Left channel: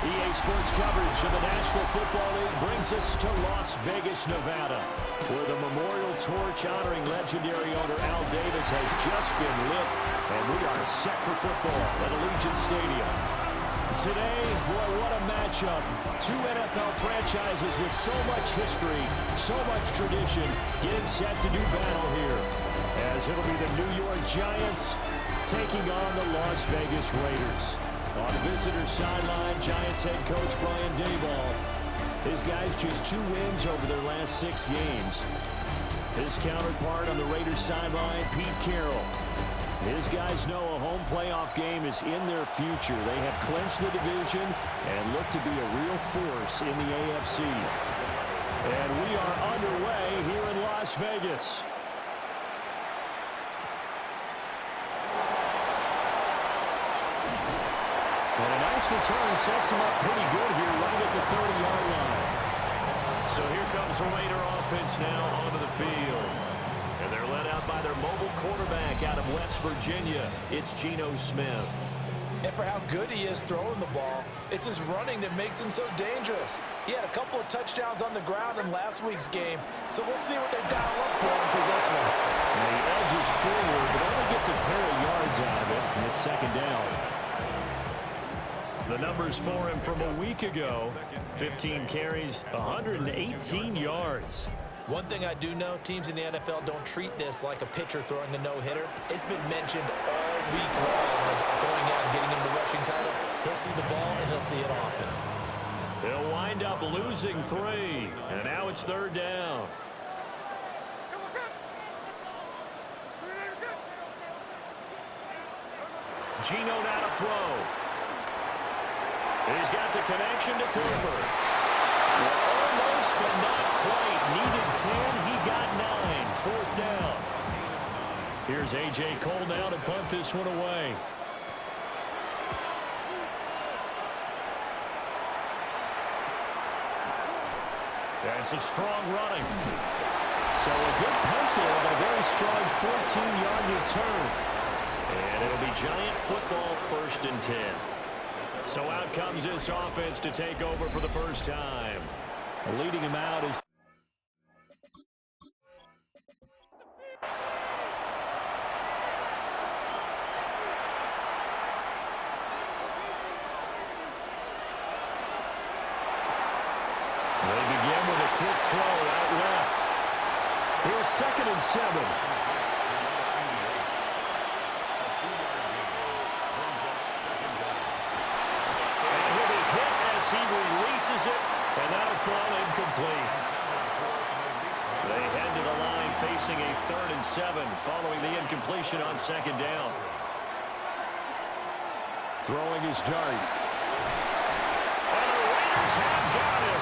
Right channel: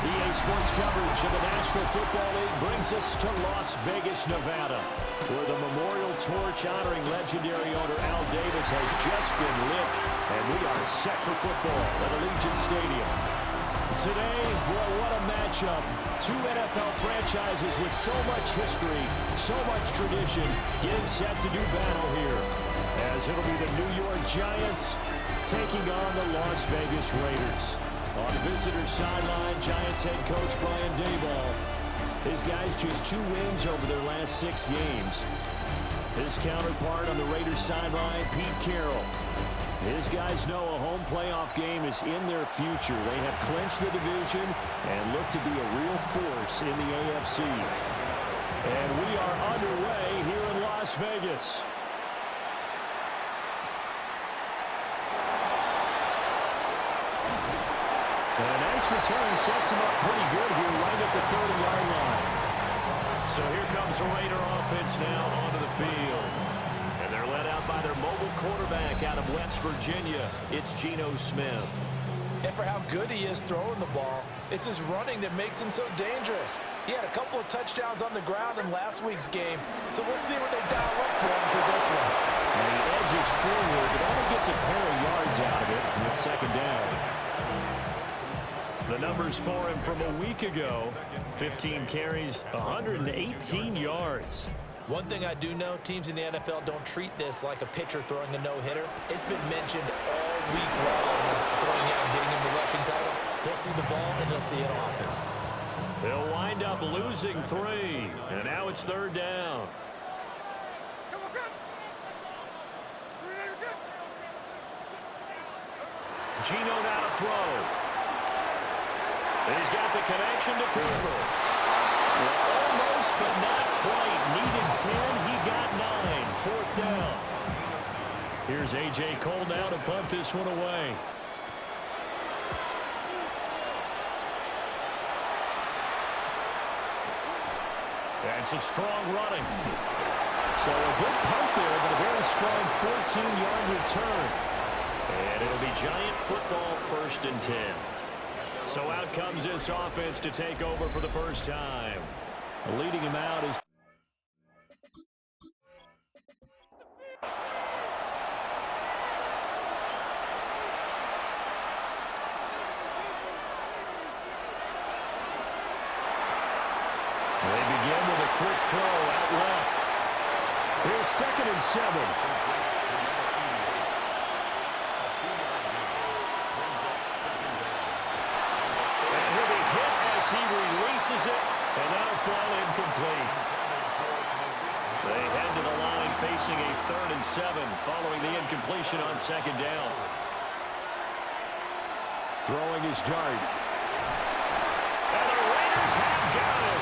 EA Sports coverage of the National Football League brings us to Las Vegas, Nevada, where the memorial torch honoring legendary owner Al Davis has just been lit, and we are set for football at Allegiant Stadium. Today, boy, what a matchup. Two NFL franchises with so much history, so much tradition, getting set to do battle here, as it'll be the New York Giants taking on the Las Vegas Raiders. On the visitor sideline, Giants head coach Brian Daboll. His guys just 2 wins over their last 6 games. His counterpart on the Raiders sideline, Pete Carroll. His guys know a home playoff game is in their future. They have clinched the division and look to be a real force in the AFC. And we are underway here in Las Vegas. And a nice return sets him up pretty good here right at the 30-yard line. So here comes the Raider offense now onto the field. And they're led out by their mobile quarterback out of West Virginia. It's Geno Smith. And for how good he is throwing the ball, it's his running that makes him so dangerous. He had a couple of touchdowns on the ground in last week's game, so we'll see what they dial up for him for this one. And he edges forward, but only gets a pair of yards out of it, and it's second down. The numbers for him from a week ago, 15 carries, 118 yards. One thing I do know, teams in the NFL don't treat this like a pitcher throwing a no-hitter. It's been mentioned all week long about going out and getting him the rushing title. He'll see the ball, and he'll see it often. He'll wind up losing 3, and now it's third down. Geno now to throw. He's got the connection to Cooper. Almost, but not quite. Needed 10. He got 9. Fourth down. Here's A.J. Cole now to punt this one away. And some strong running. So a good punt there, but a very strong 14-yard return. And it'll be Giant football, 1st and 10. So out comes this offense to take over for the first time. Leading him out is they begin with a quick throw out left. Here's 2nd and 7. He releases it, and that'll fall incomplete. They head to the line facing a 3rd and 7 following the incompletion on 2nd down. Throwing his dart. And the Raiders have got him.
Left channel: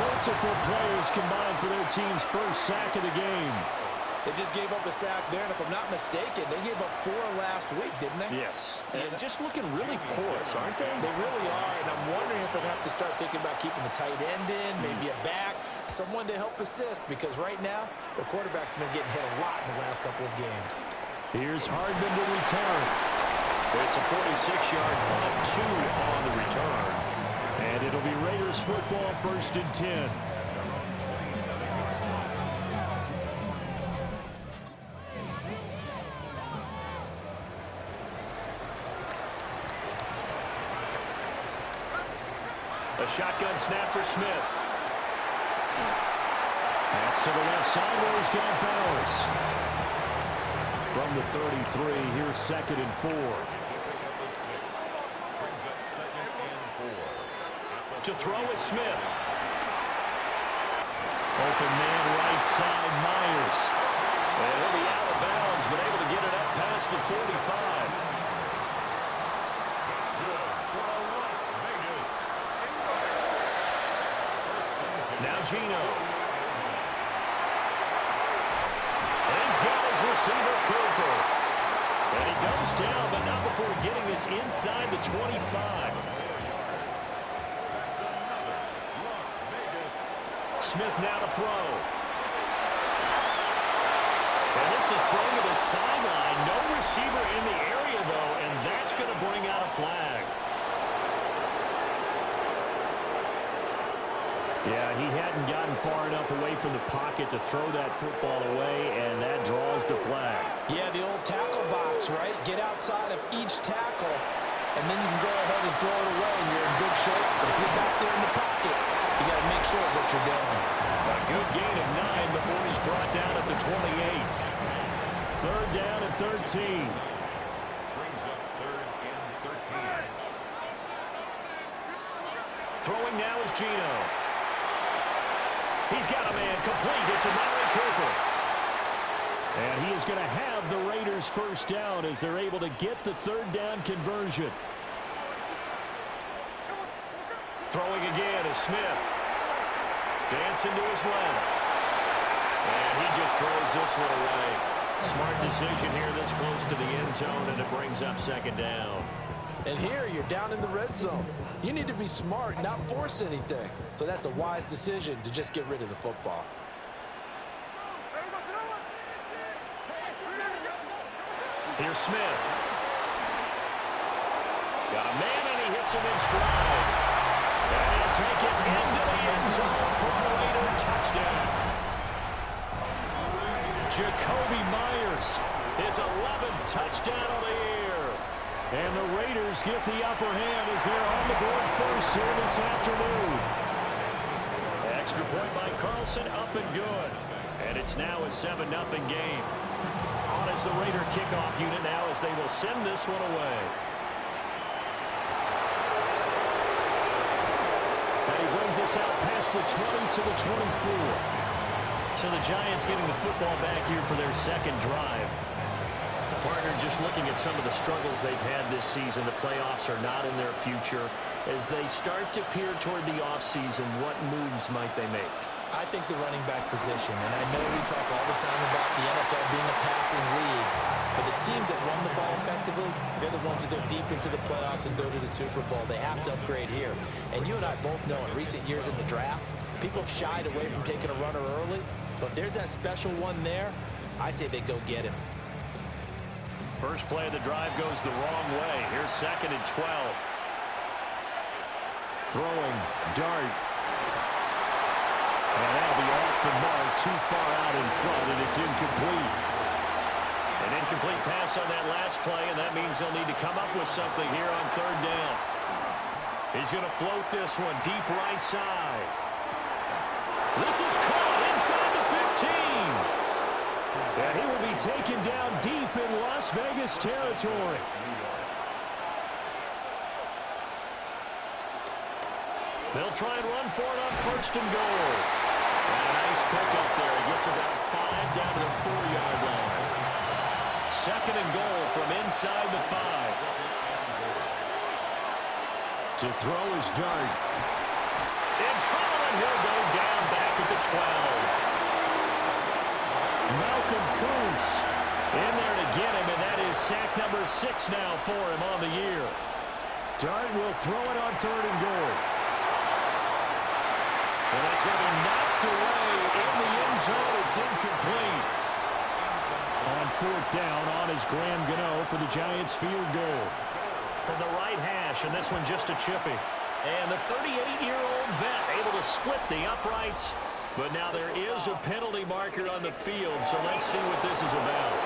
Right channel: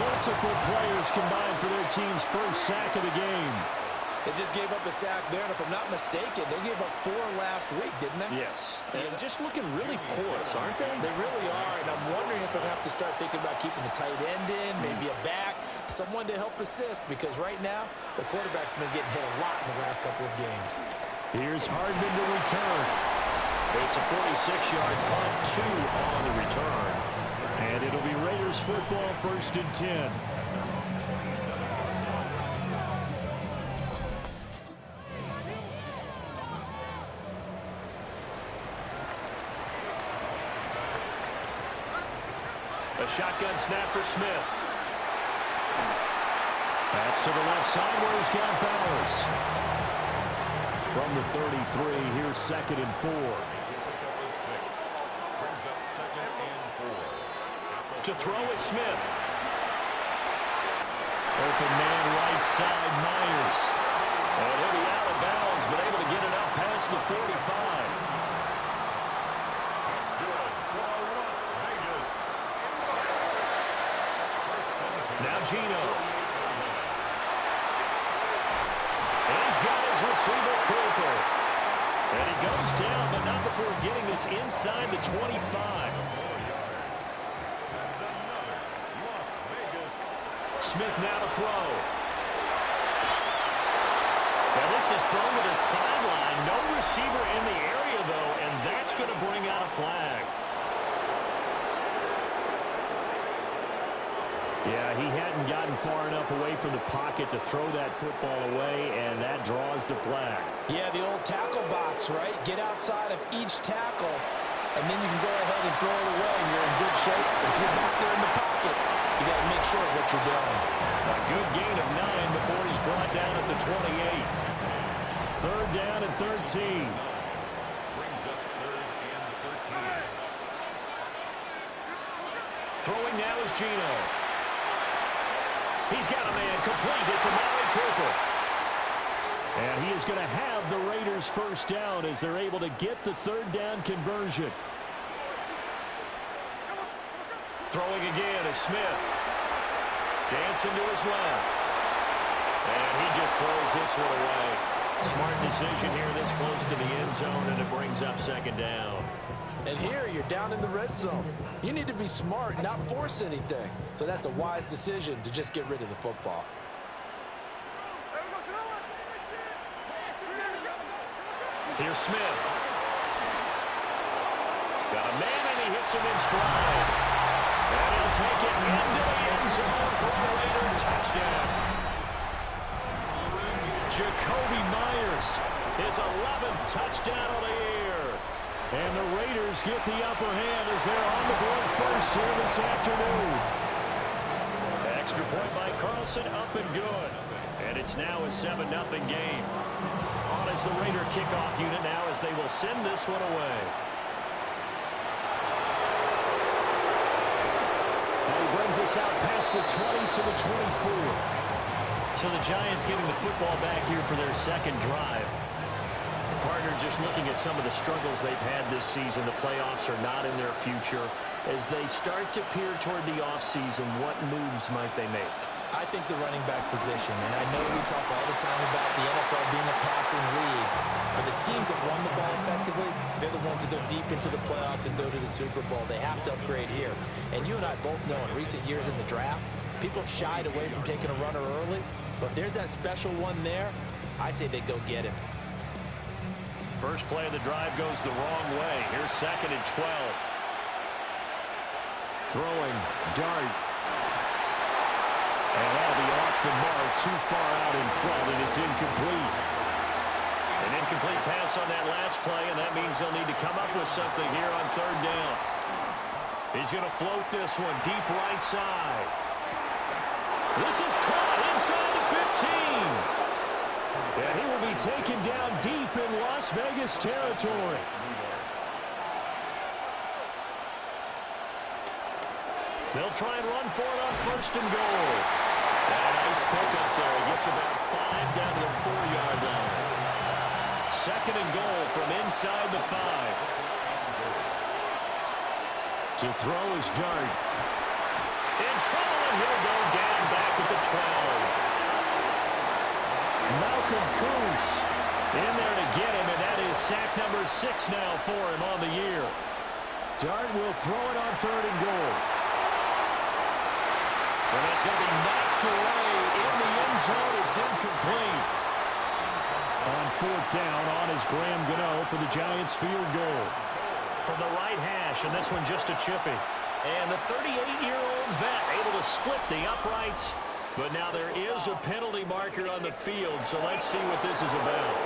Multiple players combined for their team's first sack of the game. They just gave up a sack there, and if I'm not mistaken, they gave up 4 last week, didn't they? Yes. And just looking really porous, aren't they? They really are, and I'm wondering if they're going to have to start thinking about keeping the tight end in, maybe a back, someone to help assist, because right now, the quarterback's been getting hit a lot in the last couple of games. Here's Hardman to return. It's a 46-yard punt, 2 on the return. And it'll be Raiders football, 1st and 10. A shotgun snap for Smith. That's to the left side where he's got Bowers. From the 33, here's 2nd and 4. To throw is Smith. Open man right side, Myers. And he'll be out of bounds, but able to get it up past the 45. Now Geno. And he's got his receiver, Cooper. And he goes down, but not before getting this inside the 25. Smith now to throw. And this is thrown to the sideline. No receiver in the area, though, and that's going to bring out a flag. Yeah, he hadn't gotten far enough away from the pocket to throw that football away, and that draws the flag. Yeah, the old tackle box, right? Get outside of each tackle, and then you can go ahead and throw it away, and you're in good shape. But if you're back there in the pocket, you got to make sure of what you're doing. A good gain of 9 before he's brought down at the 28. Third down and 13. Brings up 3rd and 13. Throwing now is Geno. He's got a man complete. It's Amari Cooper. And he is going to have the Raiders first down as they're able to get the third down conversion. Throwing again is Smith. Dancing to his left. And he just throws this one away. Smart decision here this close to the end zone, and it brings up second down. And here you're down in the red zone. You need to be smart, not force anything. So that's a wise decision to just get rid of the football. Here's Smith. Got a man, and he hits him in stride. And he'll take it into the end zone for a Raider touchdown. Jacoby Myers, his 11th touchdown of the year. And the Raiders get the upper hand as they're on the board first here this afternoon. Extra point by Carlson, up and good. And it's now a 7-0 game. On as the Raider kickoff unit now as they will send this one away. And he brings us out past the 20 to the 24. So the Giants getting the football back here for their second drive. Partner, just looking at some of the struggles they've had this season, the playoffs are not in their future. As they start to peer toward the offseason, what moves might they make? I think the running back position, and I know we talk all the time about the NFL being a passing league, but the teams that run the ball effectively, they're the ones that go deep into the playoffs and go to the Super Bowl. They have to upgrade here. And you and I both know in recent years in the draft, people have shied away from taking a runner early, but if there's that special one there, I say they go get him. First play of the drive goes the wrong way. Here's 2nd and 12. Throwing, dart. And that'll be off the mark, too far out in front, and it's incomplete. An incomplete pass on that last play, and that means they'll need to come up with something here on 3rd down. He's going to float this one deep right side. This is caught inside the 15. And he will be taken down deep in Las Vegas territory. They'll try and run for it on 1st and goal. And a nice pickup there. He gets about 5 down to the 4-yard line. 2nd and goal from inside the 5. To throw his dart. In trouble, and he'll go down back at the 12. Malcolm Kuntz in there to get him, and that is sack number 6 now for him on the year. Dart will throw it on 3rd and goal. And that's going to be knocked away in the end zone. It's incomplete. On 4th down, on is Graham Gano for the Giants field goal. From the right hash, and this one just a chippy. And the 38-year-old vet able to split the uprights. But now there is a penalty marker on the field, so let's see what this is about.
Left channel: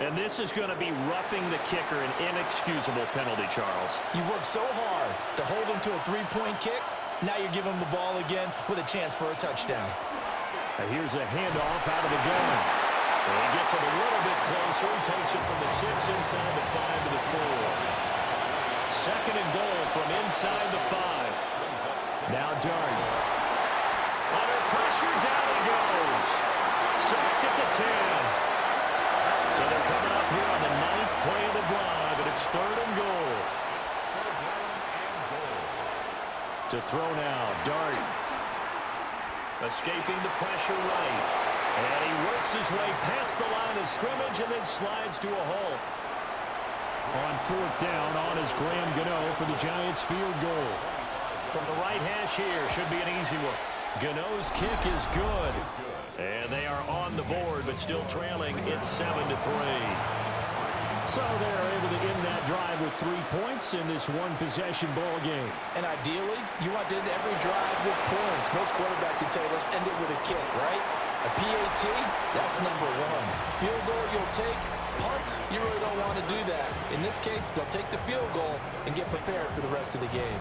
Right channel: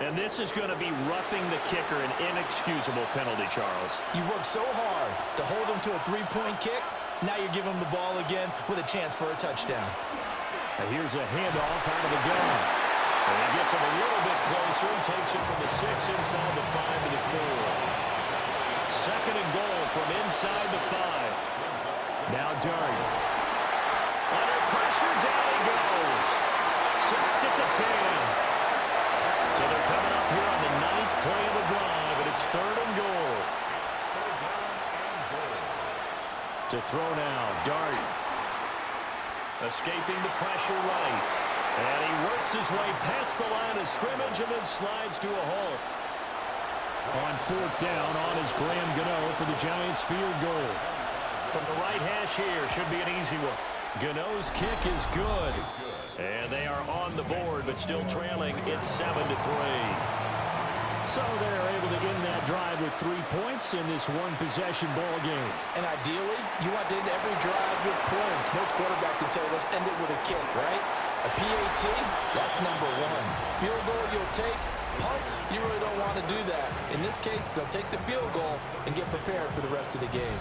And this is going to be roughing the kicker, an inexcusable penalty, Charles. You've worked so hard to hold him to a 3-point kick. Now you're giving him the ball again with a chance for a touchdown. Now here's a handoff out of the gun. And he gets him a little bit closer. He takes it from the 6 inside the 5 to the 4. 2nd and goal from inside the 5. Now Dart. Under pressure, down he goes. Sacked at the 10. So they're coming up here on the 9th play of the drive, and it's 3rd and goal. To throw now, Dart. Escaping the pressure right. And he works his way past the line of scrimmage and then slides to a halt. On 4th down, on is Graham Gano for the Giants field goal. From the right hash here, should be an easy one. Gano's kick is good. And they are on the board, but still trailing. It's 7-3. So they're able to end that that drive with 3 points in this one-possession ball game. And ideally, you want to end every drive with points. Most quarterbacks would tell you, let's end it with a kick, right? A PAT, that's number one. Field goal you'll take. Punts, you really don't want to do that. In this case, they'll take the field goal and get prepared for the rest of the game.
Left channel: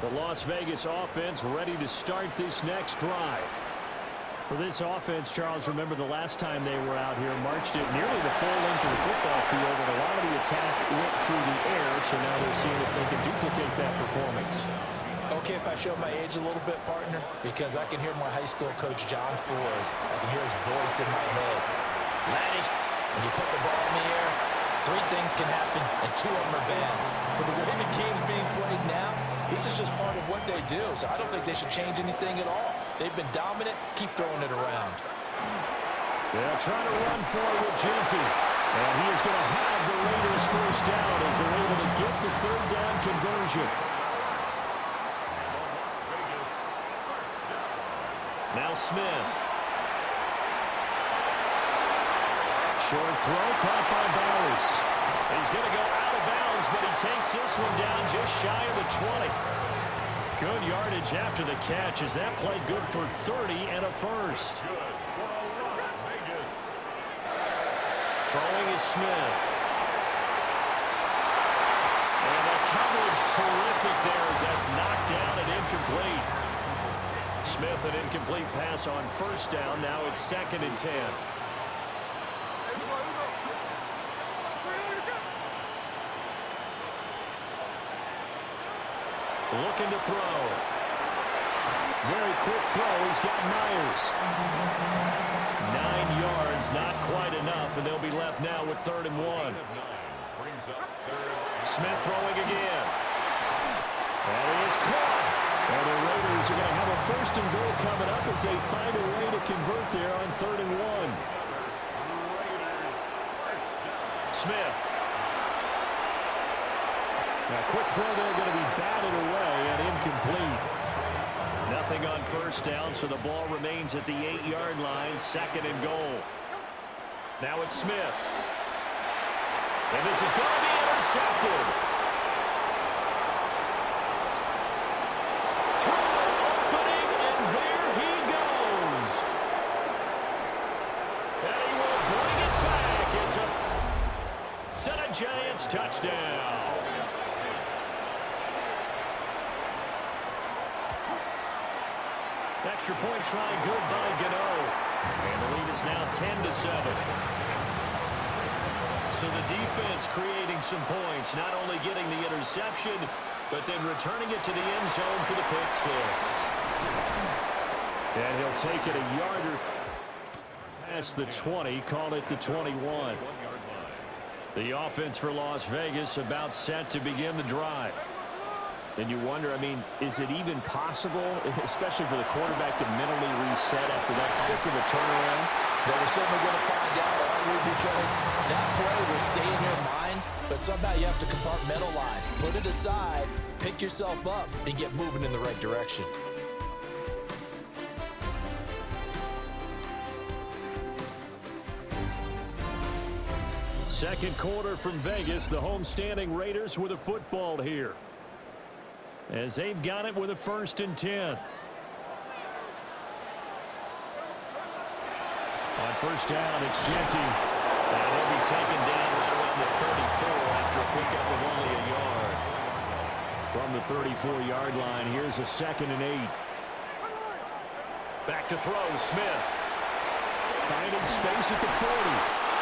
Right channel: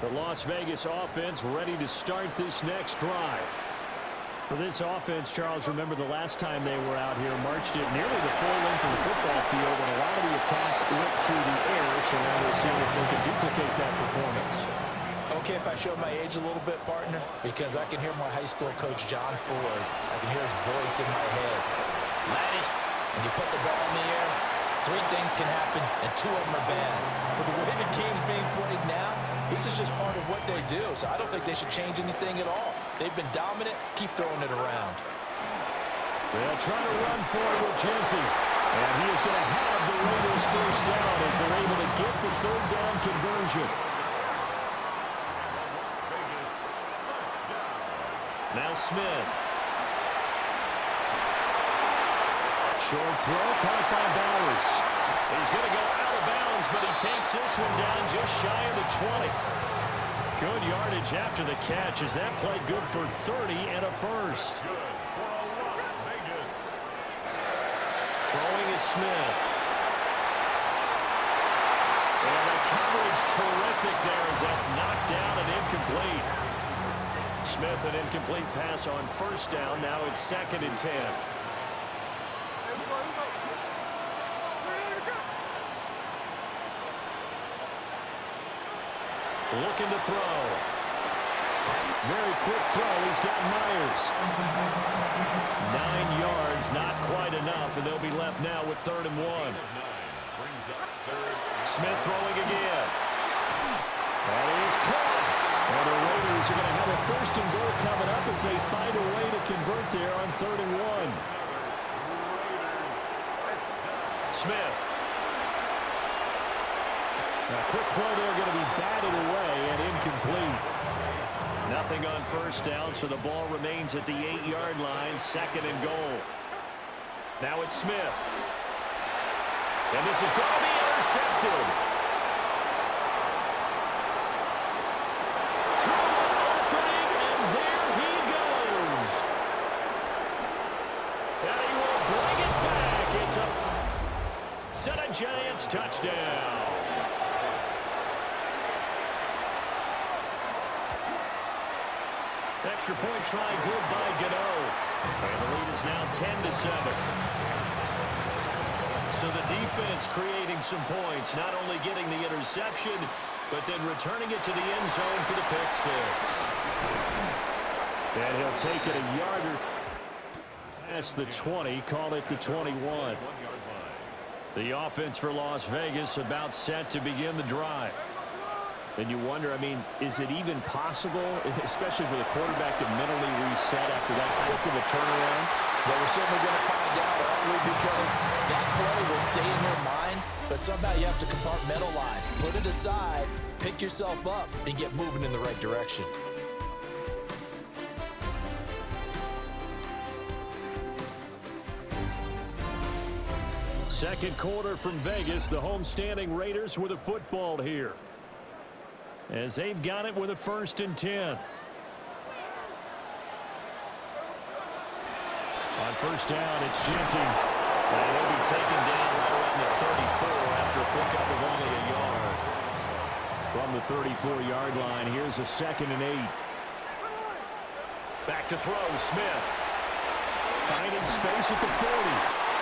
The Las Vegas offense ready to start this next drive. For this offense, Charles, remember the last time they were out here, marched it nearly the full length of the football field, and a lot of the attack went through the air, so now they're seeing if they can duplicate that performance. Okay, if I show my age a little bit, partner, because I can hear my high school coach, John Ford. I can hear his voice in my head. Laddie, when you put the ball in the air, 3 things can happen, and 2 of them are bad. But the way the game's being played now, this is just part of what they do, so I don't think they should change anything at all. They've been dominant. Keep throwing it around. They'll try to run for it with Genty. And he is going to have the Raiders first down as they're able to get the 3rd down conversion. Now Smith. Short throw caught by Bowers. He's going to go out of bounds, but he takes this one down just shy of the 20. Good yardage after the catch as that play good for 30 and a first. Throwing is Smith. And the coverage terrific there as that's knocked down and incomplete. Smith, an incomplete pass on first down. Now it's 2nd and 10. Looking to throw. Very quick throw. He's got Myers. 9 yards, not quite enough, and they'll be left now with 3rd and 1. Smith throwing again. That is caught. And the Raiders are going to have a 1st and goal coming up as they find a way to convert there on 3rd and 1. Smith. A quick throw there going to be batted away and incomplete. Nothing on first down, so the ball remains at the 8-yard line, 2nd and goal. Now it's Smith. And this is going to be intercepted. Through an opening, and there he goes. And he will bring it back. It's a set of Giants touchdown. Extra point try good by Gano. And the lead is now 10-7. So the defense creating some points, not only getting the interception, but then returning it to the end zone for the pick 6. And he'll take it a yarder past the 20, call it the 21. The offense for Las Vegas about set to begin the drive. And you wonder, I mean, is it even possible, especially for the quarterback, to mentally reset after that quick of a turnaround? Well, we're certainly going to find out, aren't we? Because that play will stay in your mind, but somehow you have to compartmentalize. Put it aside, pick yourself up, and get moving in the right direction. Second quarter from Vegas, the homestanding Raiders with a football here, as they've got it with a 1st and 10. On first down, it's Genty. And he'll be taken down right around the 34 after a pickup of only a yard. From the 34-yard line, here's a 2nd and 8. Back to throw, Smith. Finding space at the 40.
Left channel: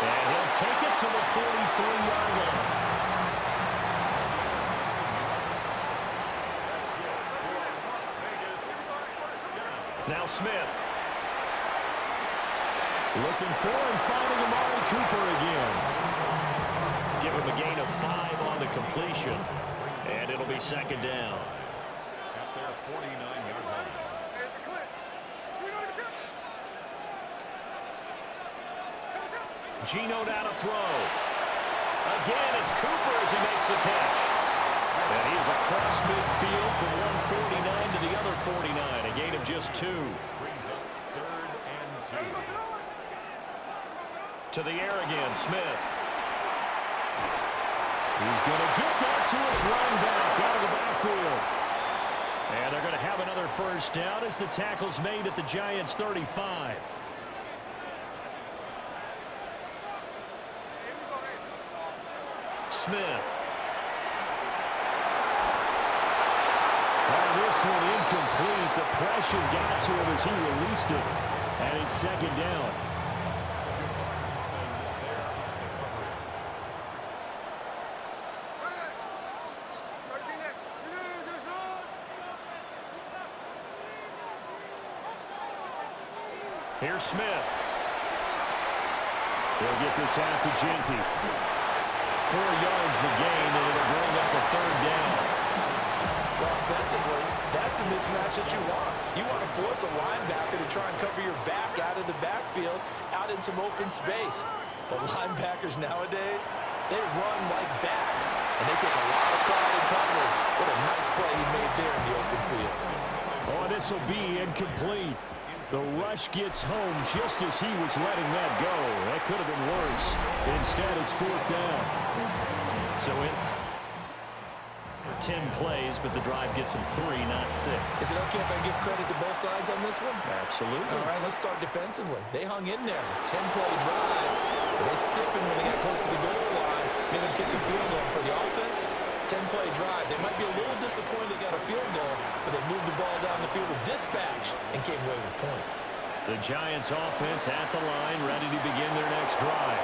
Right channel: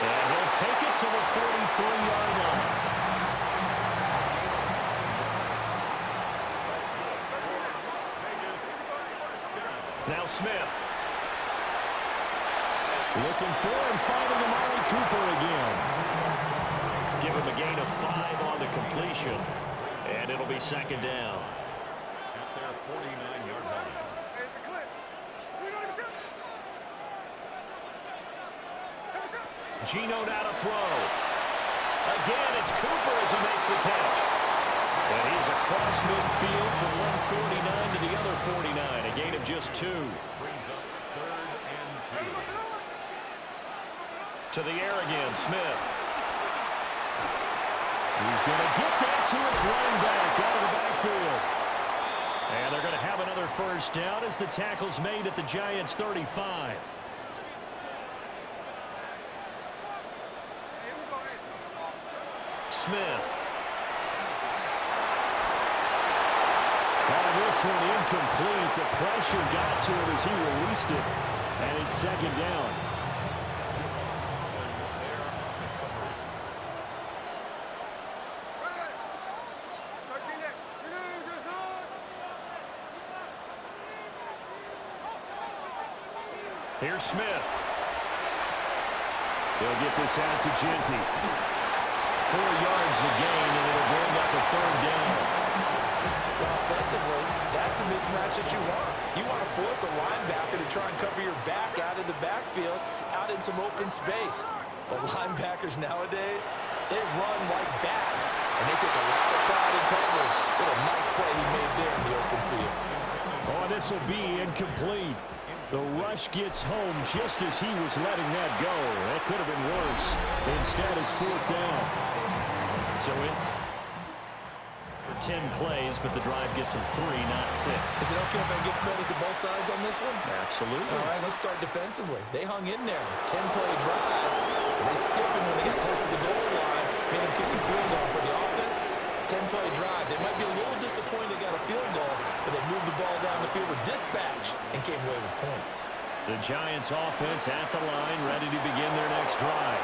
And he'll take it to the 43-yard line. Now Smith. Looking for and finding Amari Cooper again. Give him a gain of 5 on the completion. And it'll be 2nd down. At their 49-yard line. Geno now to throw. Again, it's Cooper as he makes the catch. And he's across midfield from one 49 to the other 49. A gain of just 2. Brings up 3rd and 2. To the air again, Smith. He's going to get that to his running back out of the backfield. And they're going to have another first down as the tackle's made at the Giants' 35. Smith. On this one, incomplete. The pressure got to him as he released it. And it's second down. Here's Smith. He'll get this out to Genty. 4 yards the gain, and it'll bring up a third down. Well, offensively, that's the mismatch that you want. You want to force a linebacker to try and cover your back out of the backfield, out in some open space. But linebackers nowadays, they run like backs, and they take a lot of pride in covering. What a nice play he made there in the open field. Oh, this will be incomplete. The rush gets home just as he was letting that go. That could have been worse. Instead, it's fourth down. So in for 10 plays, but the drive gets him 3, not 6. Is it okay if I give credit to both sides on this one? Absolutely. All right, let's start defensively. They hung in there. 10-play drive. But they stiffened when they got close to the goal line, made them kick a field goal. For the offense, 10-play drive. They might be a little disappointed they got a field goal, but they moved the ball down the field with dispatch and came away with points. The Giants offense at the line, ready to begin their next drive.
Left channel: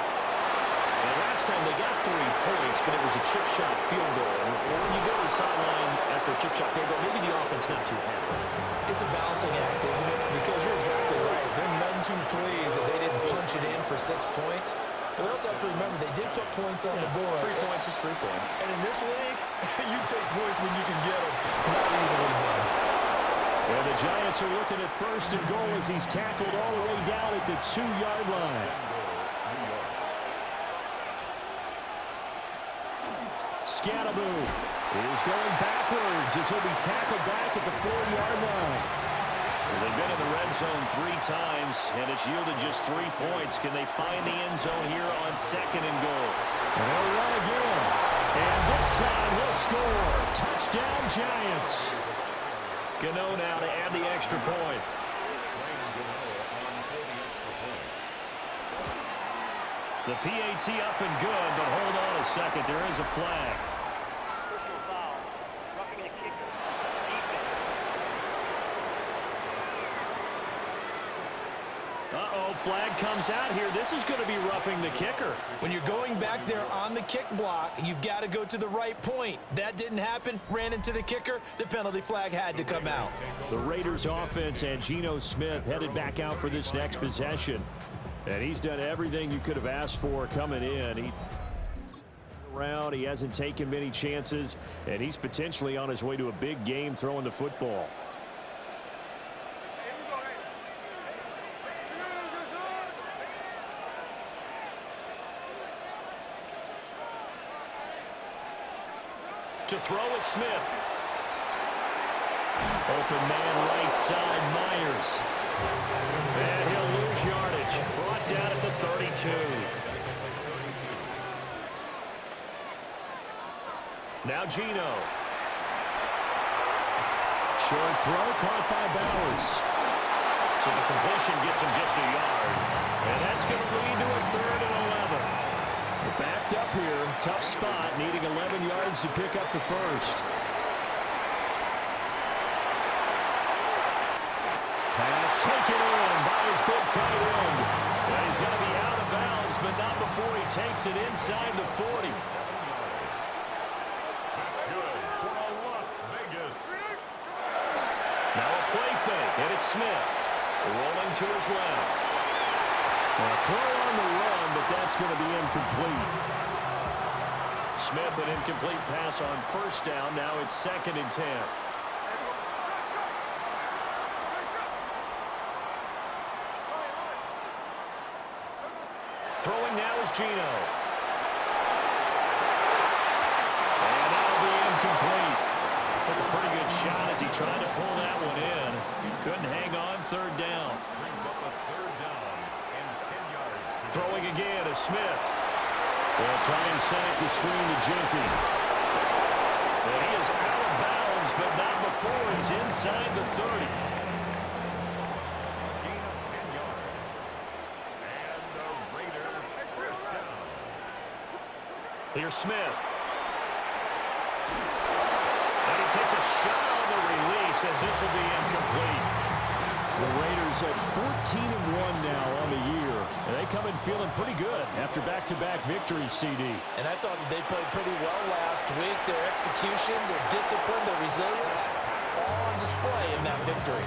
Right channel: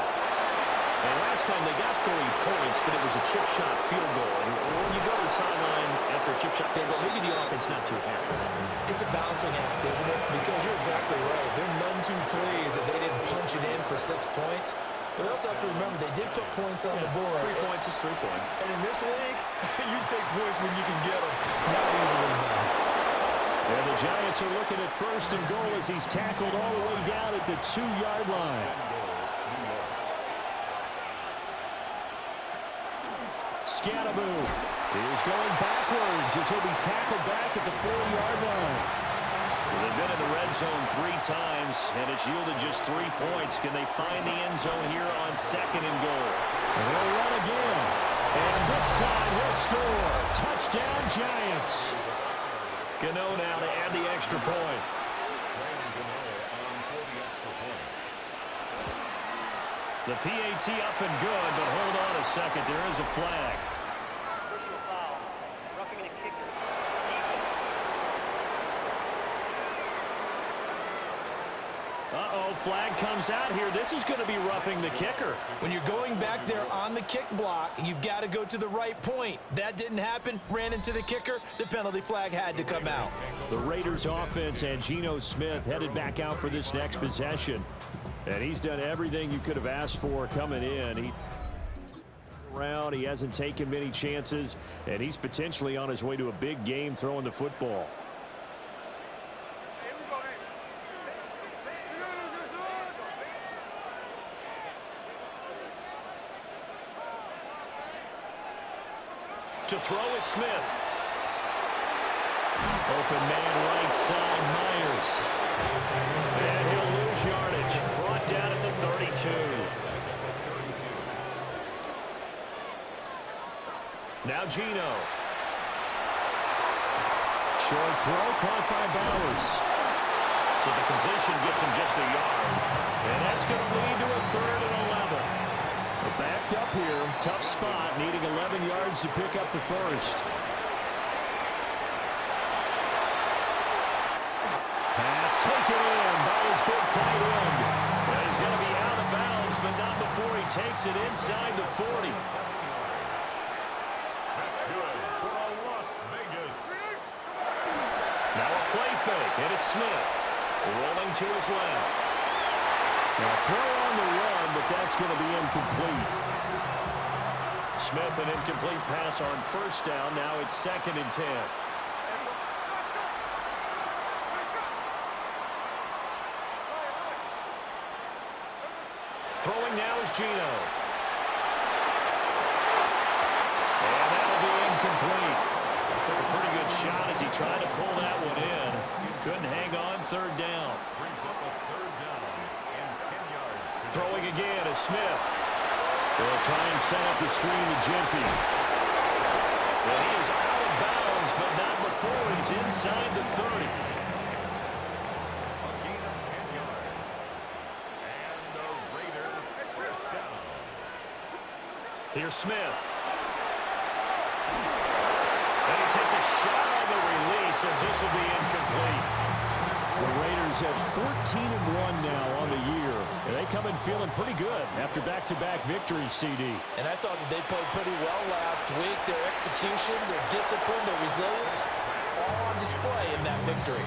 And last time they got 3 points, but it was a chip shot field goal. And when you go to the sideline after a chip shot field goal, maybe the offense not too happy. It's a balancing act, isn't it? Because you're exactly right. They're none too pleased that they didn't punch it in for 6 points. But they also have to remember they did put points on the board. 3 points is 3 points. And in this league, you take points when you can get them. Not easily done. And the Giants are looking at first and goal as he's tackled all the way down at the 2-yard line. Scattaboo is going backwards as he'll be tackled back at the 4-yard line. So they've been in the red zone 3 times, and it's yielded just 3 points. Can they find the end zone here on second and goal? And they'll run again. And this time he'll score. Touchdown, Giants. Gano now to add the extra point. The PAT up and good, but hold on a second. There is a flag. Personal foul. Roughing the kicker. Defense. Uh-oh, flag comes out here. This is going to be roughing the kicker. When you're going back there on the kick block, you've got to go to the right point. That didn't happen. Ran into the kicker. The penalty flag had to come out. The Raiders offense and Geno Smith headed back out for this next possession. And he's done everything you could have asked for coming in. He hasn't taken many chances, and he's potentially on his way to a big game throwing the football. To throw is Smith. Open man right side, Myers. And he'll lose yardage. Brought down at the 32. Now Geno. Short throw caught by Bowers. So the completion gets him just a yard. And that's going to lead to a 3rd and 11. We're backed up here. Tough spot, needing 11 yards to pick up the first. Pass taken in by his big tight end. Well, he's going to be out of bounds, but not before he takes it inside the 40. That's good for Las Vegas. Now a play fake, and it's Smith. Rolling to his left. Now throw on the run, but that's going to be incomplete. Smith, an incomplete pass on first down. Now it's 2nd and 10. Throwing now is Geno. And that'll be incomplete. Took a pretty good shot as he tried to pull that one in. Couldn't hang on, 3rd down. Brings up a 3rd down and 10 yards to Throwing again is Smith. They'll try and set up the screen to Genty. And he is out of bounds, but not before he's inside the 30. A gain of 10 yards. And the Raiders first down. Here's Smith. And he takes a shot on the release as this will be incomplete. The Raiders at 14-1 now on the year. And they come in feeling pretty good after back-to-back victories, CD. And I thought that they played pretty well last week. Their execution, their discipline, their resilience, all on display in that victory.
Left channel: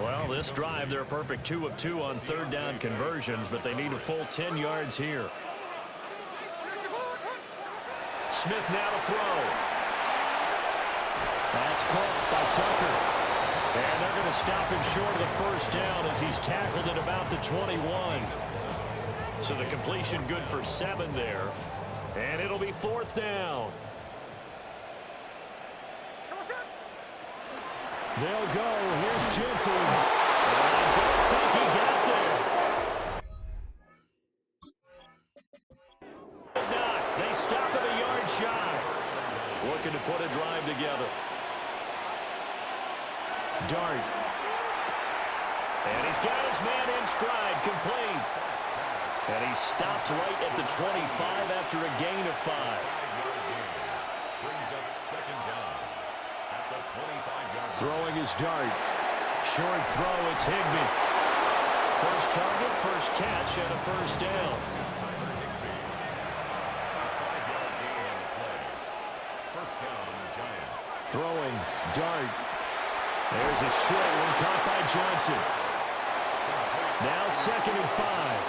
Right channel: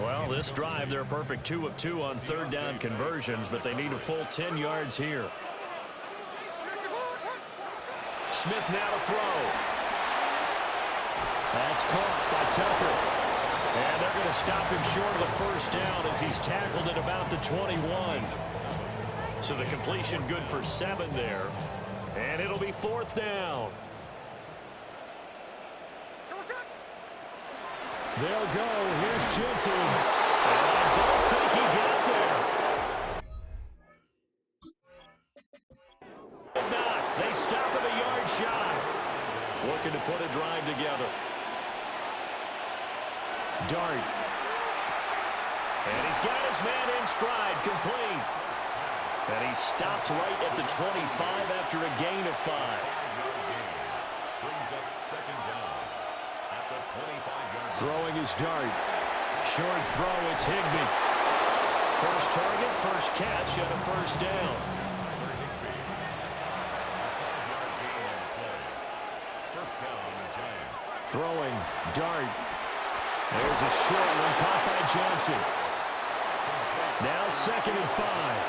Well, this drive, they're a perfect 2 of 2 on third down conversions, but they need a full 10 yards here. Smith now to throw. That's caught by Tucker. And they're going to stop him short of the first down as he's tackled at about the 21. So the completion good for 7 there. And it'll be 4th down. They'll go. Here's Genty. And I don't think he got there. Not. They stop him a yard shy. Looking to put a drive together. Dart. And he's got his man in stride, complete. And he stopped right at the 25 after a gain of 5. Brings up second down at the 25-yard. Throwing his Dart. Short throw, it's Higbee. First target, first catch, and a first down. Tyler Higbee. A 5-yard gain on the play. First down, the Giants. Throwing, Dart. There's a short one caught by Johnson. Now 2nd and 5.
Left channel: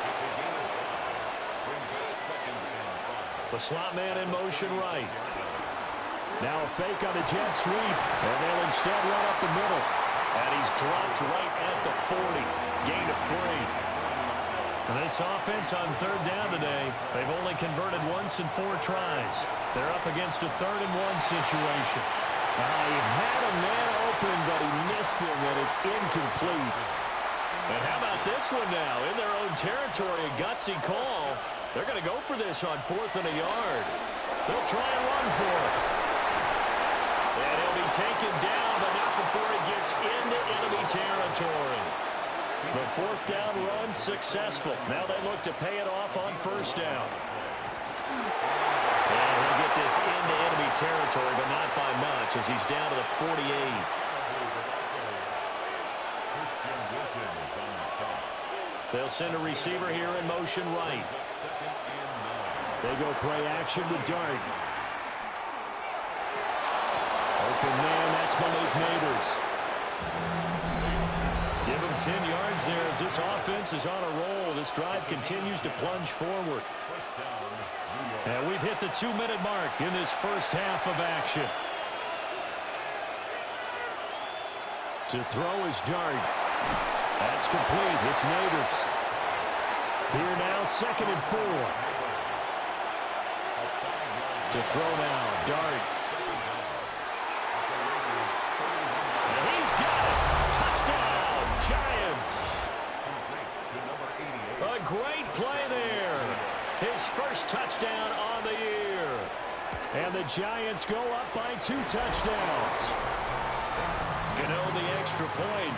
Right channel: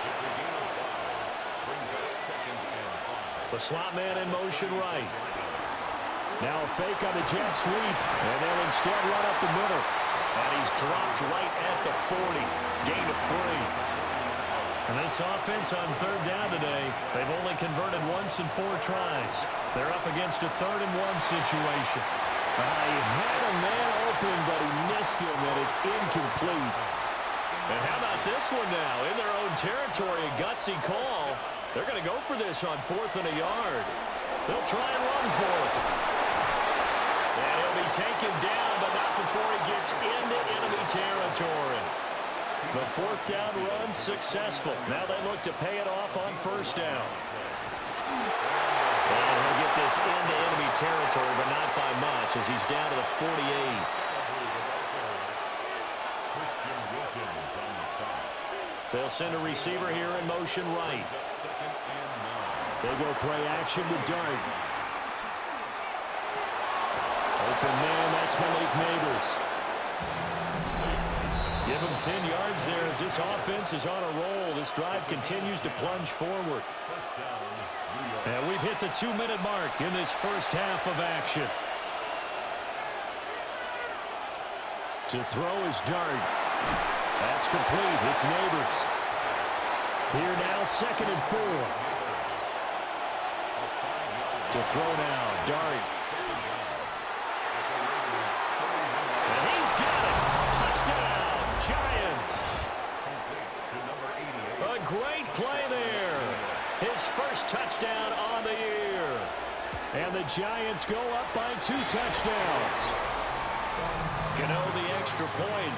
It's a gain of 5. Brings up 2nd and 5. The slot man in motion right. Now a fake on the jet sweep, and they'll instead run up the middle. And he's dropped right at the 40. Gain of 3. And this offense on third down today, they've only converted once in 4 tries. They're up against a 3rd and 1 situation. He had a man open, but he missed him, and it's incomplete. And how about this one now? In their own territory, a gutsy call. They're going to go for this on 4th and a yard. They'll try and run for it. And he'll be taken down, but not before he gets into enemy territory. The 4th down run successful. Now they look to pay it off on first down. And he'll get this into enemy territory, but not by much as he's down to the 48. Christian Wilkins on the stop. They'll send a receiver here in motion right. Second and 9. They go play action with Dart. Open man, that's Malik Neighbors. Give him 10 yards there as this offense is on a roll. This drive continues to plunge forward. First down, New York. And we've hit the 2-minute mark in this first half of action. To throw is Dart. That's complete. It's Neighbors. Here now, 2nd and 4. To throw now, Dart. And he's got it. Touchdown, Giants. To number 88. A great play there. His first touchdown on the year. And the Giants go up by 2 touchdowns. Gano the extra point.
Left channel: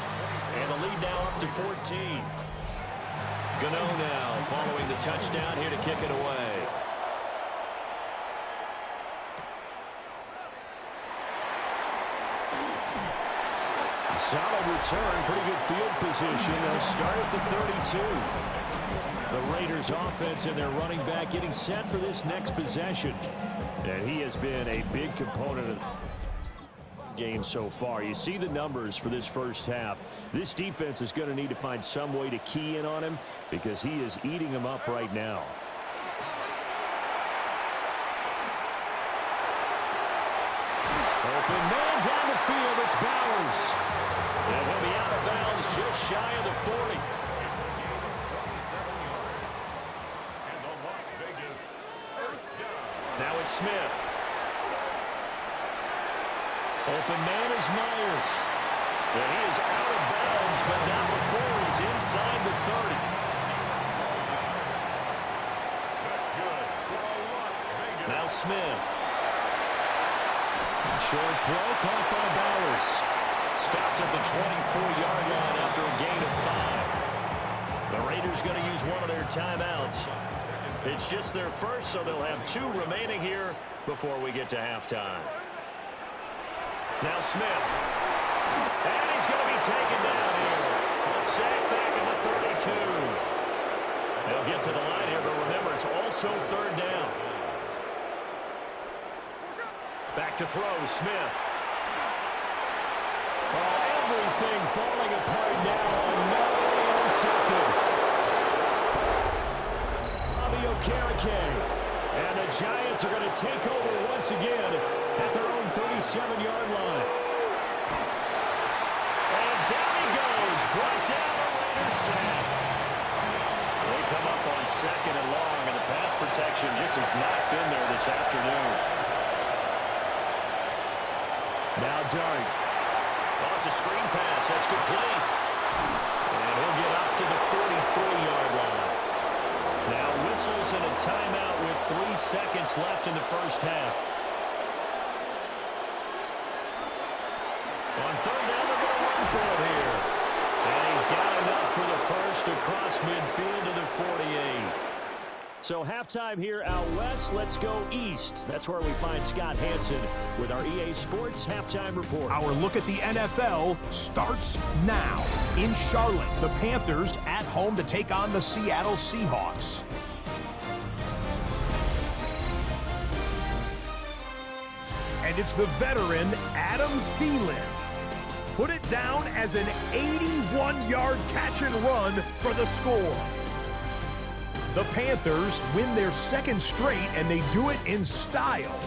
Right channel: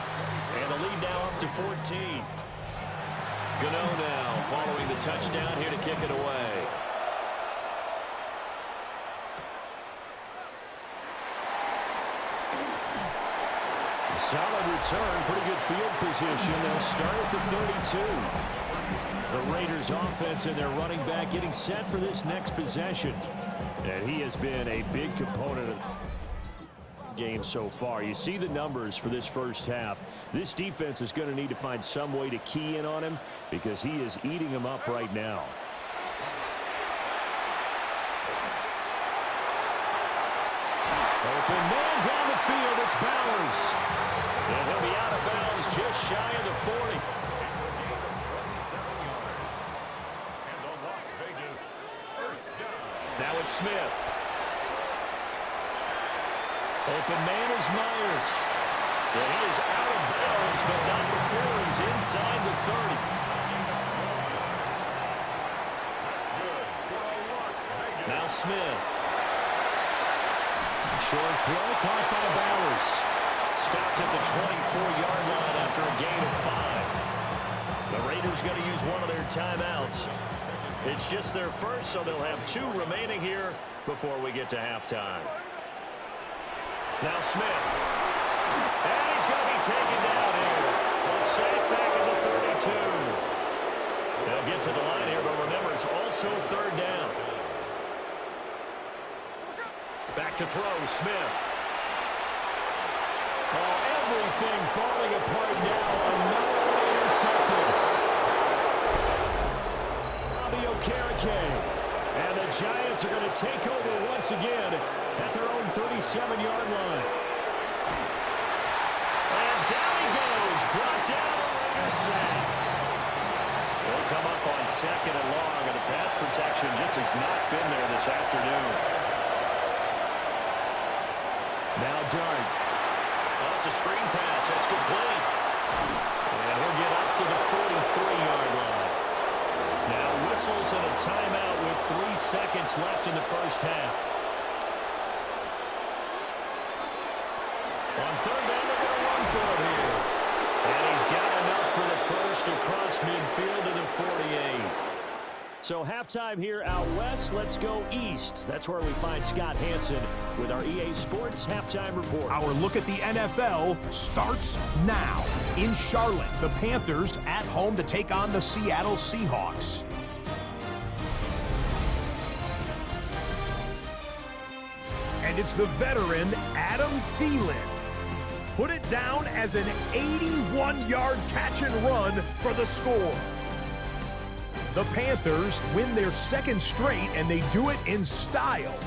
And the lead now up to 14. Gano now following the touchdown here to kick it away. Solid return, pretty good field position. They'll start at the 32. The Raiders offense and their running back getting set for this next possession. And he has been a big component of the game so far. You see the numbers for this first half. This defense is going to need to find some way to key in on him because he is eating them up right now. Open man down the field. It's Bowers. And he'll be out of bounds just shy of the 40. It's a gain of 27 yards. And the Las Vegas first down. Now it's Smith. Open man is Myers. And he is out of bounds, but not before he's inside the 30. Now Smith. Short throw caught by Bowers. Stopped at the 24-yard line after a gain of 5. The Raiders going to use one of their timeouts. It's just their first, so they'll have 2 remaining here before we get to halftime. Now Smith. And he's going to be taken down here. A sack back at the 32. They'll get to the line here, but remember, it's also 3rd down. Back to throw, Smith. Oh, everything falling apart now. Another one intercepted. Bobby Okereke. And the Giants are going to take over once again at their own 37-yard line. And down he goes. Brought down a Raider sack. They come up on 2nd and long, and the pass protection just has not been there this afternoon. Now Dart. Oh, it's a screen pass. That's complete. And he'll get up to the 43-yard line. Now whistles and a timeout with 3 seconds left in the first half. On 3rd down, they're going to run for it here. And he's got enough for the first across midfield to the 48. So halftime here out west. Let's go east. That's where we find Scott Hansen with our EA Sports Halftime Report. Our look at the NFL starts now. In Charlotte, the Panthers at home to take on the Seattle Seahawks. And it's the veteran Adam Thielen. Put it down as an 81-yard catch and run for the score. The Panthers win their 2nd straight, and they do it in style.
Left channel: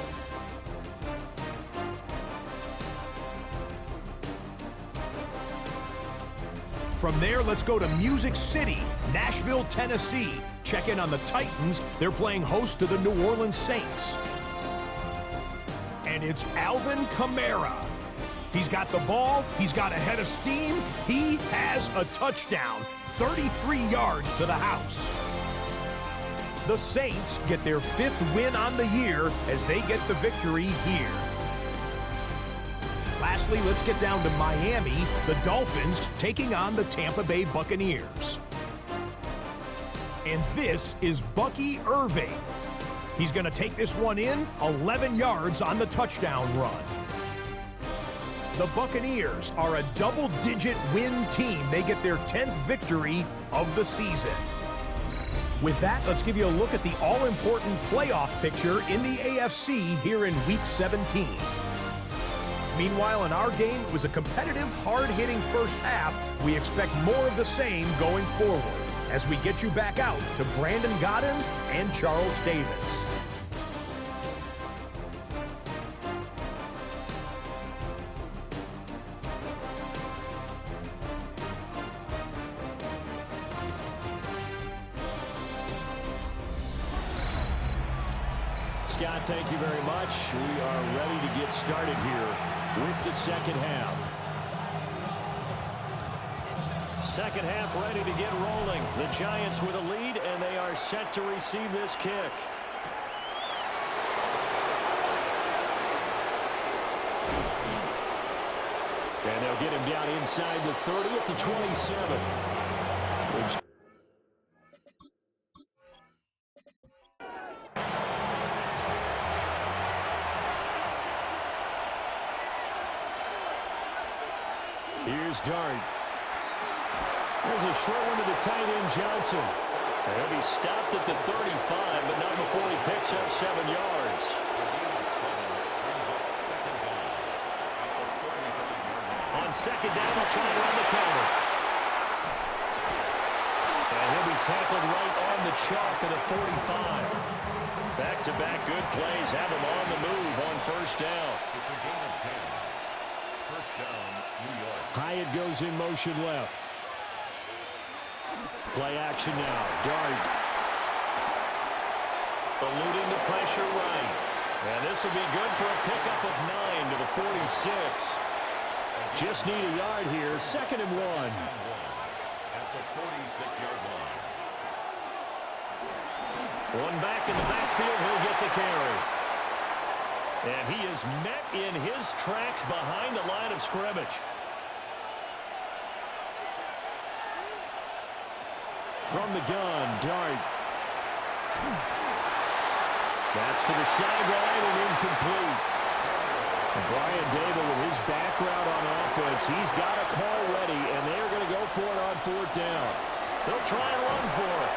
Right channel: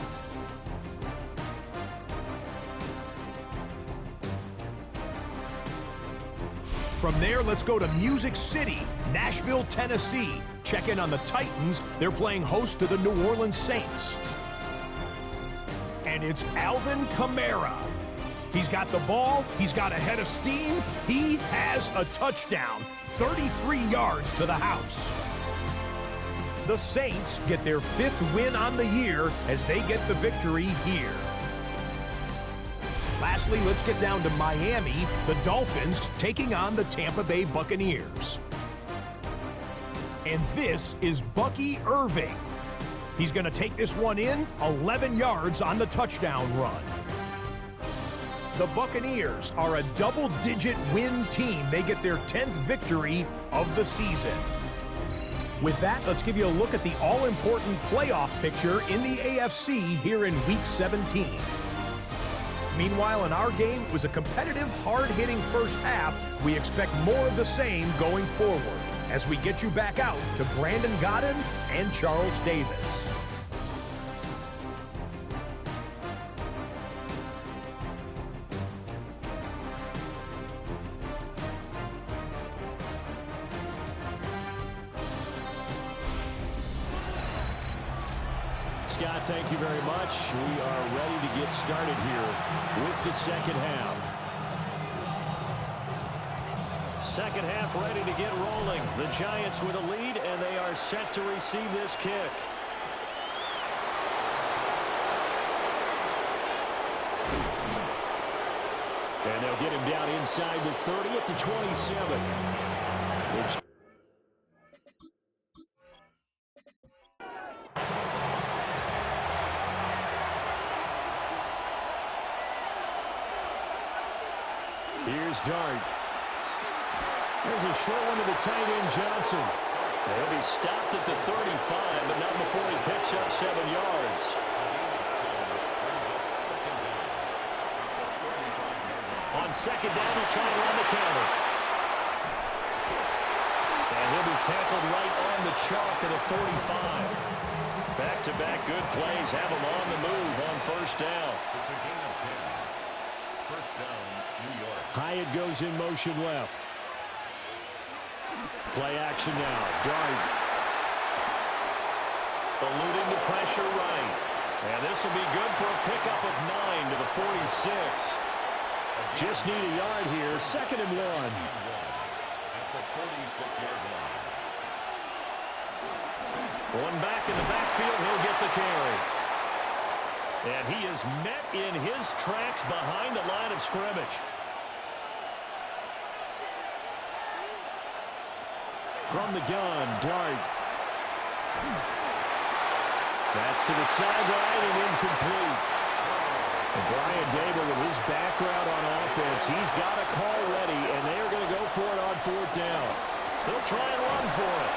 From there, let's go to Music City, Nashville, Tennessee. Check in on the Titans. They're playing host to the New Orleans Saints. And it's Alvin Kamara. He's got the ball. He's got a head of steam. He has a touchdown, 33 yards to the house. The Saints get their 5th win on the year as they get the victory here. Lastly, let's get down to Miami, the Dolphins taking on the Tampa Bay Buccaneers. And this is Bucky Irving. He's going to take this one in, 11 yards on the touchdown run. The Buccaneers are a double-digit win team. They get their 10th victory of the season. With that, let's give you a look at the all-important playoff picture in the AFC here in Week 17. Meanwhile, in our game, it was a competitive, hard-hitting first half. We expect more of the same going forward as we get you back out to Brandon Godden and Charles Davis. Scott, thank you very much. We are ready to get started here with the second half. Second half ready to get rolling. The Giants with a lead, and they are set to receive this kick. And they'll get him down inside the 30 at the 27. Here's Dart. There's a short one to the tight end, Johnson. He'll be stopped at the 35, but not before he picks up 7 yards. On 2nd down, he'll try and run the counter. And he'll be tackled right on the chalk of the 45. Back-to-back good plays have him on the move on 1st down. It's a gain of 10. 1st down, New York. Hyatt goes in motion left. Play action now. Dart. Eluding the pressure right. And this will be good for a pickup of 9 to the 46. Just need a yard here. 2nd and 1. At the 46-yard line. One back in the backfield. He'll get the carry. And he is met in his tracks behind the line of scrimmage. From the gun, Dart. That's to the sideline and incomplete. And Brian Dable, with his background on offense, he's got a call ready, and they are going to go for it on 4th down. They'll try and run for it.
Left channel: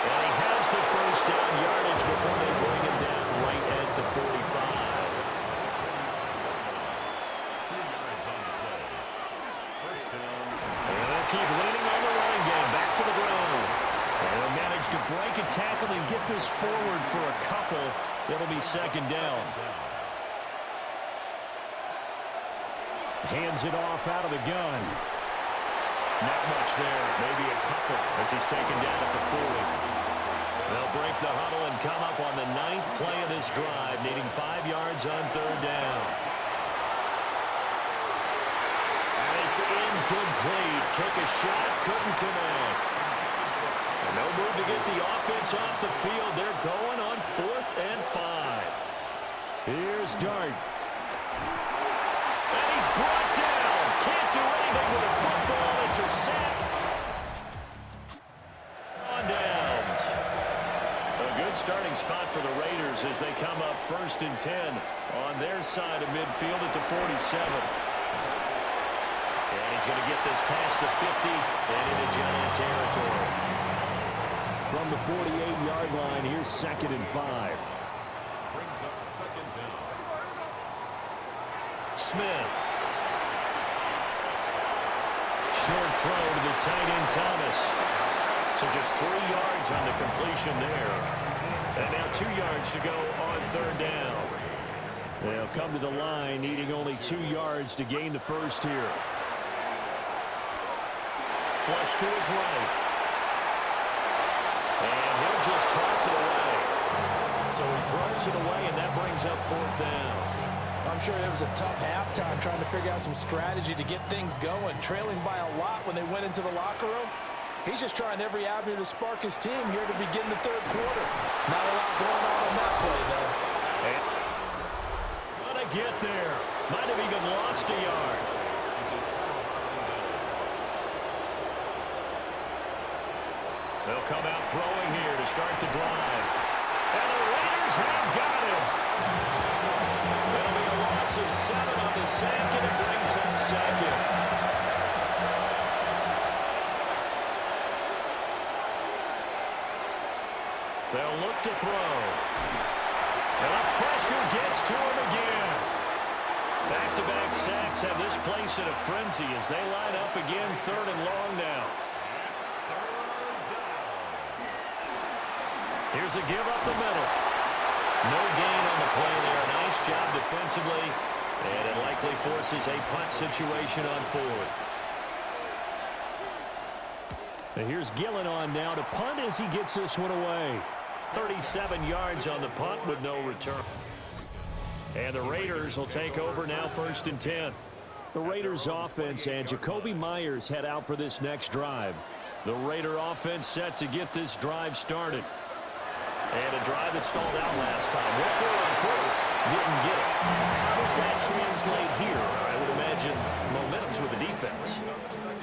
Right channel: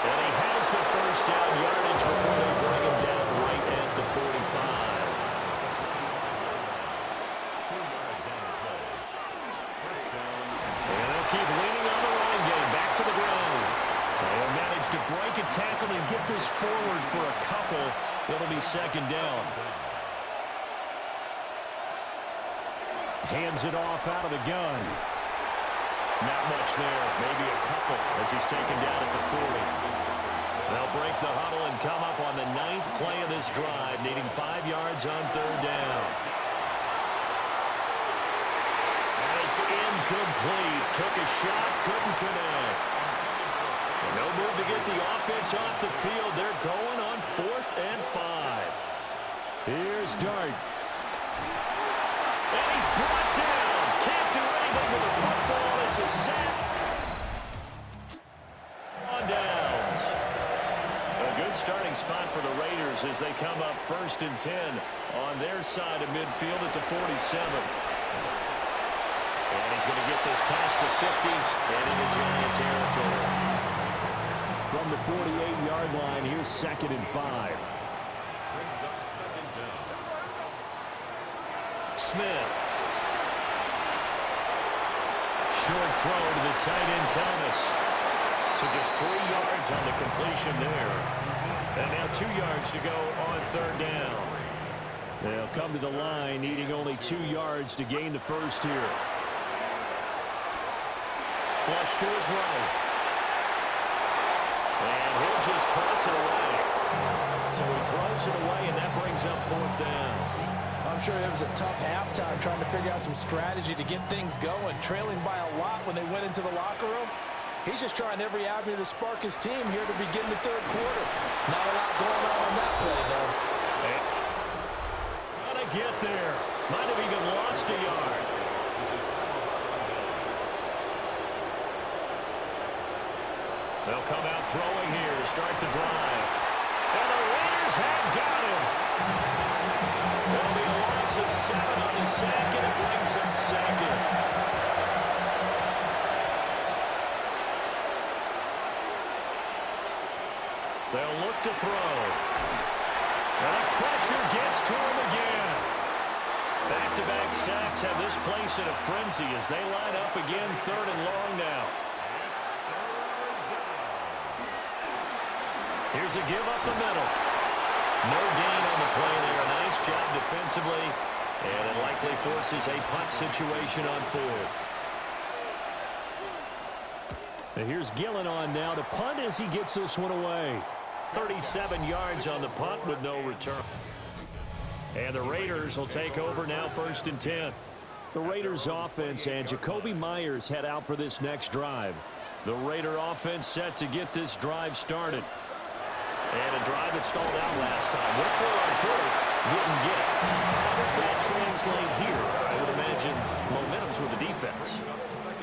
And he has the first down yardage before they bring him down right at the 45. 2 yards on the play. First down. And they'll keep leaning on the running game. Back to the ground. They'll manage to break a tackle and get this forward for a couple. It'll be 2nd down. Hands it off out of the gun. Not much there. Maybe a couple as he's taken down at the 40. They'll break the huddle and come up on the 9th play of this drive, needing 5 yards on 3rd down. And it's incomplete. Took a shot, couldn't connect. And no move to get the offense off the field. They're going on 4th and 5. Here's Dart. And he's brought down. Can't do anything with a football. It's a sack. On downs. A good starting spot for the Raiders as they come up 1st and 10 on their side of midfield at the 47. And he's going to get this past the 50 and into Giant territory. From the 48-yard line, here's 2nd and 5. Brings up 2nd down. Smith. Short throw to the tight end, Thomas. So just 3 yards on the completion there. And now 2 yards to go on 3rd down. They'll come to the line, needing only 2 yards to gain the first here. Flush to his right. And he'll just toss it away. So he throws it away, and that brings up 4th down. I'm sure it was a tough halftime trying to figure out some strategy to get things going, trailing by a lot when they went into the locker room. He's just trying every avenue to spark his team here to begin the 3rd quarter. Not a lot going on that play, though. And gotta get there. Might have even lost a yard. They'll come out throwing here to start the drive. And the Raiders have got him. That'll be a loss of 7 on the sack, and it brings up 2nd. They'll look to throw. And the pressure gets to him again. Back-to-back sacks have this place in a frenzy as they line up again 3rd and long now. Here's a give up the middle. No gain on the play there. A nice job defensively. And it likely forces a punt situation on 4th. And here's Gillen on now to punt as he gets this one away. 37 yards on the punt with no return. And the Raiders will take over now 1st and 10. The Raiders offense and Jacoby Myers head out for this next drive. The Raider offense set to get this drive started. And a drive that stalled out last time. Went for it on 4th, didn't get it. How does that translate here? I would imagine momentum's with the defense.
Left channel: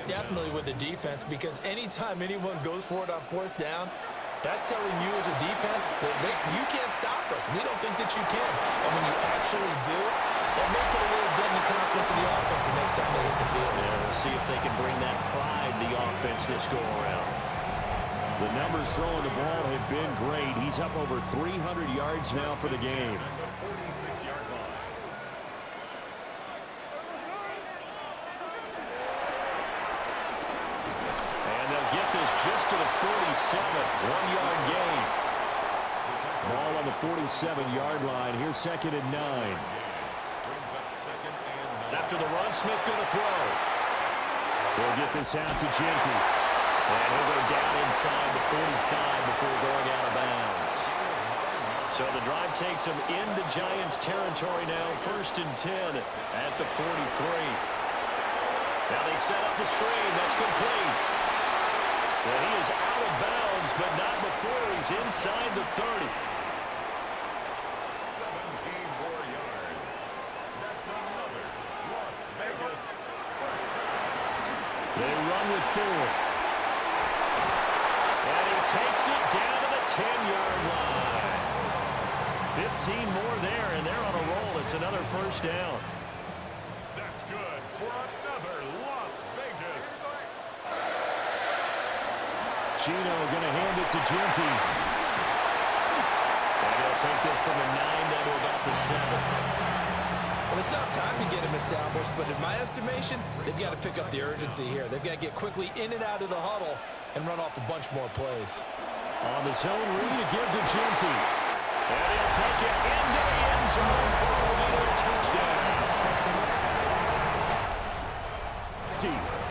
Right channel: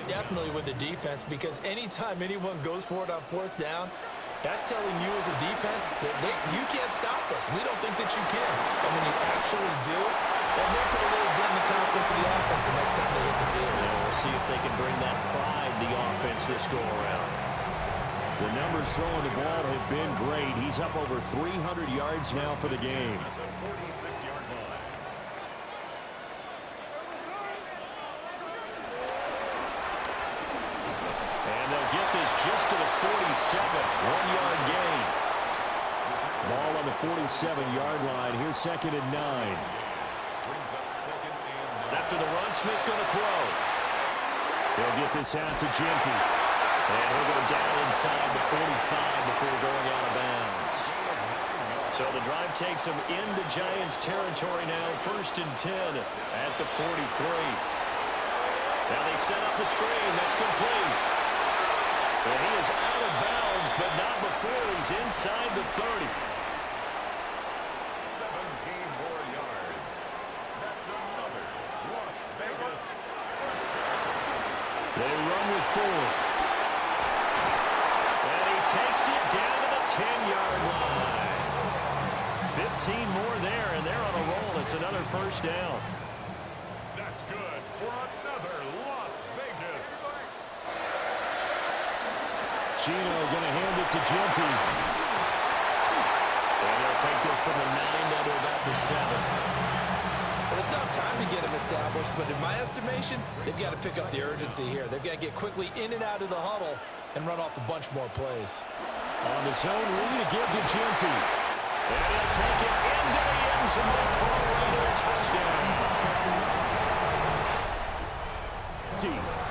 Definitely with the defense, because anytime anyone goes for it on 4th down, that's telling you as a defense that you can't stop us. We don't think that you can. And when you actually do, that may put a little dent in the confidence of the offense the next time they hit the field. Yeah, we'll see if they can bring that pride to the offense this go-around. The numbers throwing the ball have been great. He's up over 300 yards now for the game. At the 46-yard line. And they'll get this just to the 47. 1-yard gain. Ball on the 47-yard line. Here's 2nd and 9. Brings up 2nd and 9. After the run, Smith going to throw. They'll get this out to Genty. And he'll go down inside the 45 before going out of bounds. So the drive takes him into Giants territory now. 1st and 10 at the 43. Now they set up the screen. That's complete. And he is out of bounds, but not before he's inside the 30. with 4. And he takes it down to the 10-yard line. 15 more there, and they're on a roll. It's another first down. That's good for another Las Vegas. Gino going to hand it to Genty. And he'll take this from the 9 down to about the 7. Well, it's not time to get him established, but in my estimation, they've got to pick up the urgency here. They've got to get quickly in and out of the huddle and run off a bunch more plays. On the zone read to give to Genty. And he'll take it into the end zone for a Raider touchdown.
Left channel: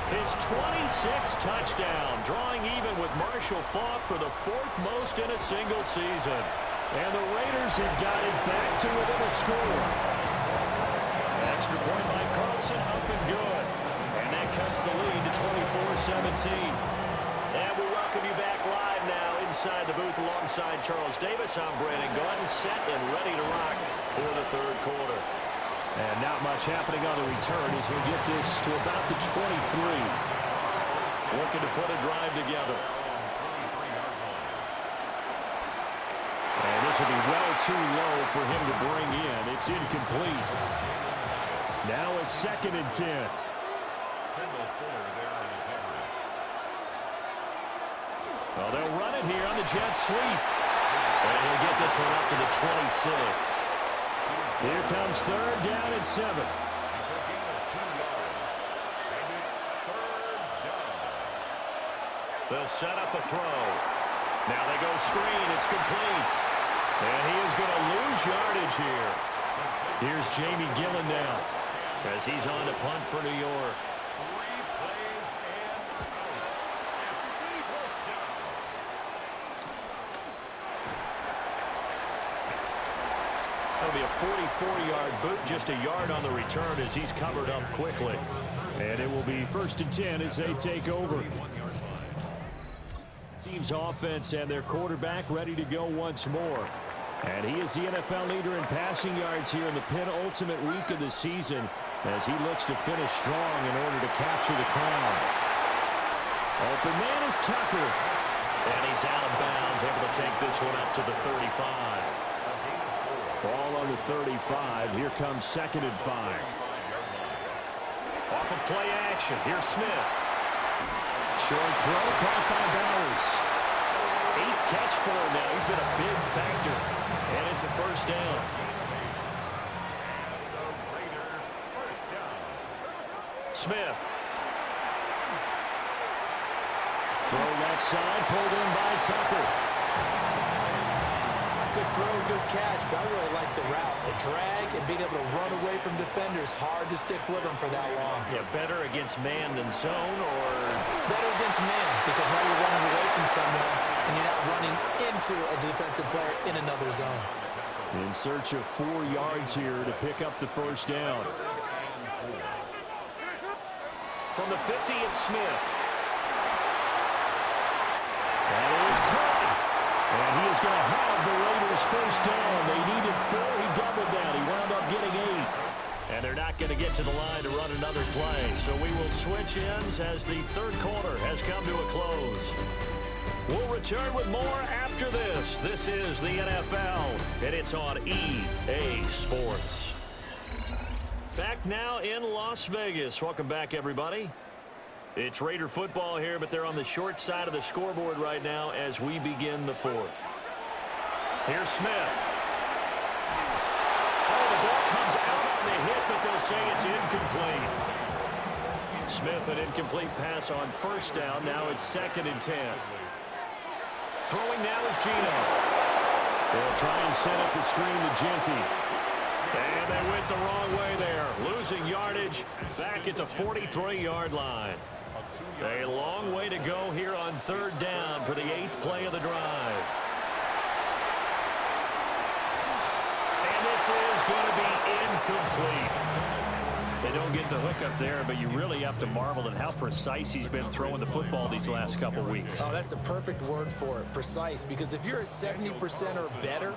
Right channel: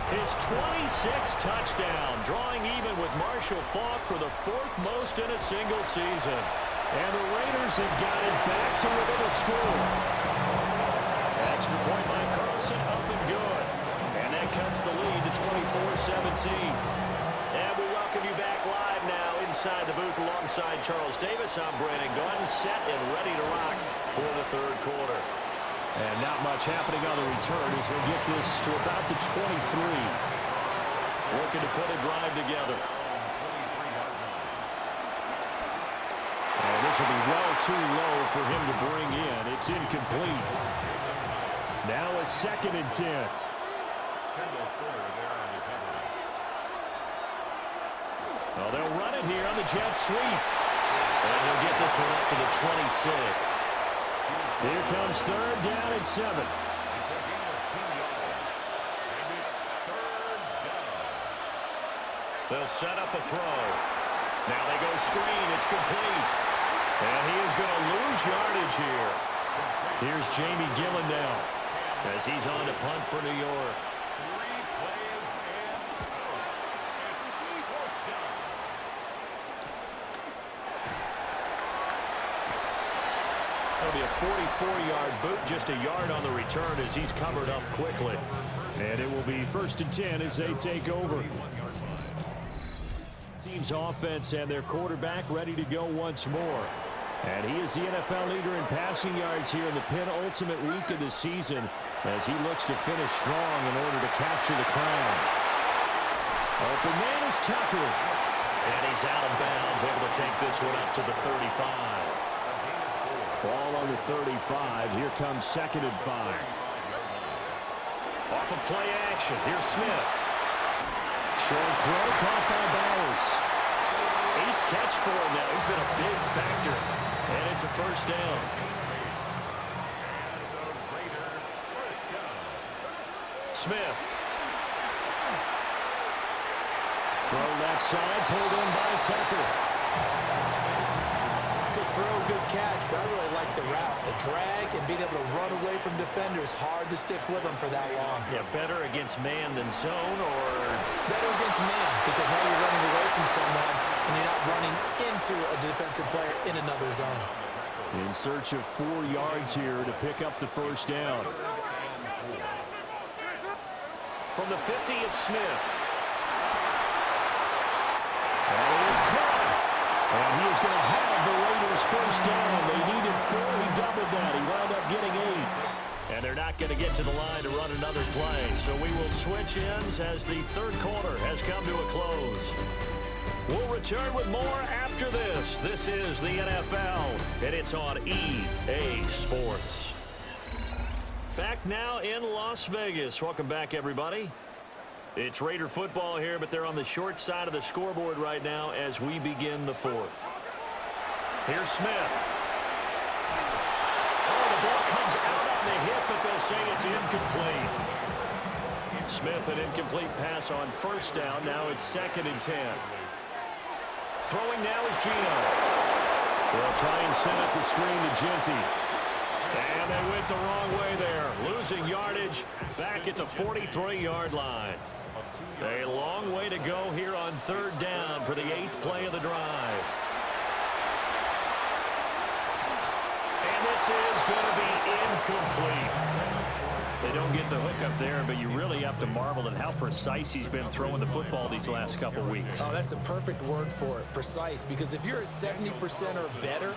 His 26th touchdown, drawing even with Marshall Faulk for the 4th most in a single season. And the Raiders have got it back to within a score. Extra point by Carlson, up and good. And that cuts the lead to 24-17. And we welcome you back live now inside the booth alongside Charles Davis. I'm Brandon Gordon, set and ready to rock for the third quarter. And not much happening on the return as he'll get this to about the 23. Looking to put a drive together. And this will be well too low for him to bring in. It's incomplete. Now a 2nd and 10. Well, they'll run it here on the jet sweep. And he'll get this one up to the 26. Here comes 3rd down and 7. It's a gain of 2 yards. And it's 3rd down. They'll set up a throw. Now they go screen. It's complete. And he is going to lose yardage here. Here's Jamie Gillen now as he's on to punt for New York. 3 plays and out. It's 4th down. That'll be a 44-yard boot, just a yard on the return as he's covered up quickly. And it will be 1st and 10 as they take over. Team's offense and their quarterback ready to go once more. And he is the NFL leader in passing yards here in the penultimate week of the season as he looks to finish strong in order to capture the crown. Open man is Tucker. And he's out of bounds, able to take this one up to the 35. Ball on the 35. Here comes 2nd and 5. Off of play action. Here's Smith. Short throw caught by Bowers. 8th catch for him now. He's been a big factor. And it's a first down. And the Raider first down. Smith. Throw left side, pulled in by Tucker. Good throw, good catch, but I really like the route. The drag and being able to run away from defenders, hard to stick with them for that long. Yeah, better against man than zone, or better against man, because now you're running away from someone and you're not running into a defensive player in another zone. in search of 4 yards here to pick up the first down. From the 50, it's Smith. That is caught. And he is going to have the Raiders first down. They needed 4. He doubled that. He wound up getting 8. And they're not going to get to the line to run another play. So we will switch ends as the third quarter has come to a close. We'll return with more after this. This is the NFL, and it's on EA Sports. Back now in Las Vegas. Welcome back, everybody. It's Raider football here, but they're on the short side of the scoreboard right now as we begin the fourth. Here's Smith. Oh, the ball comes out on the hit, but they'll say it's incomplete. Smith, an incomplete pass on first down. Now it's 2nd and 10. Throwing now is Gino. They'll try and set up the screen to Genty. And they went the wrong way there. Losing yardage back at the 43-yard line. A long way to go here on third down for the 8th play of the drive. And this is going to be incomplete. They don't get the hook up there, but you really have to marvel at how precise he's been throwing the football these last couple weeks. Oh, that's the perfect word for it, precise, because if you're at 70% or better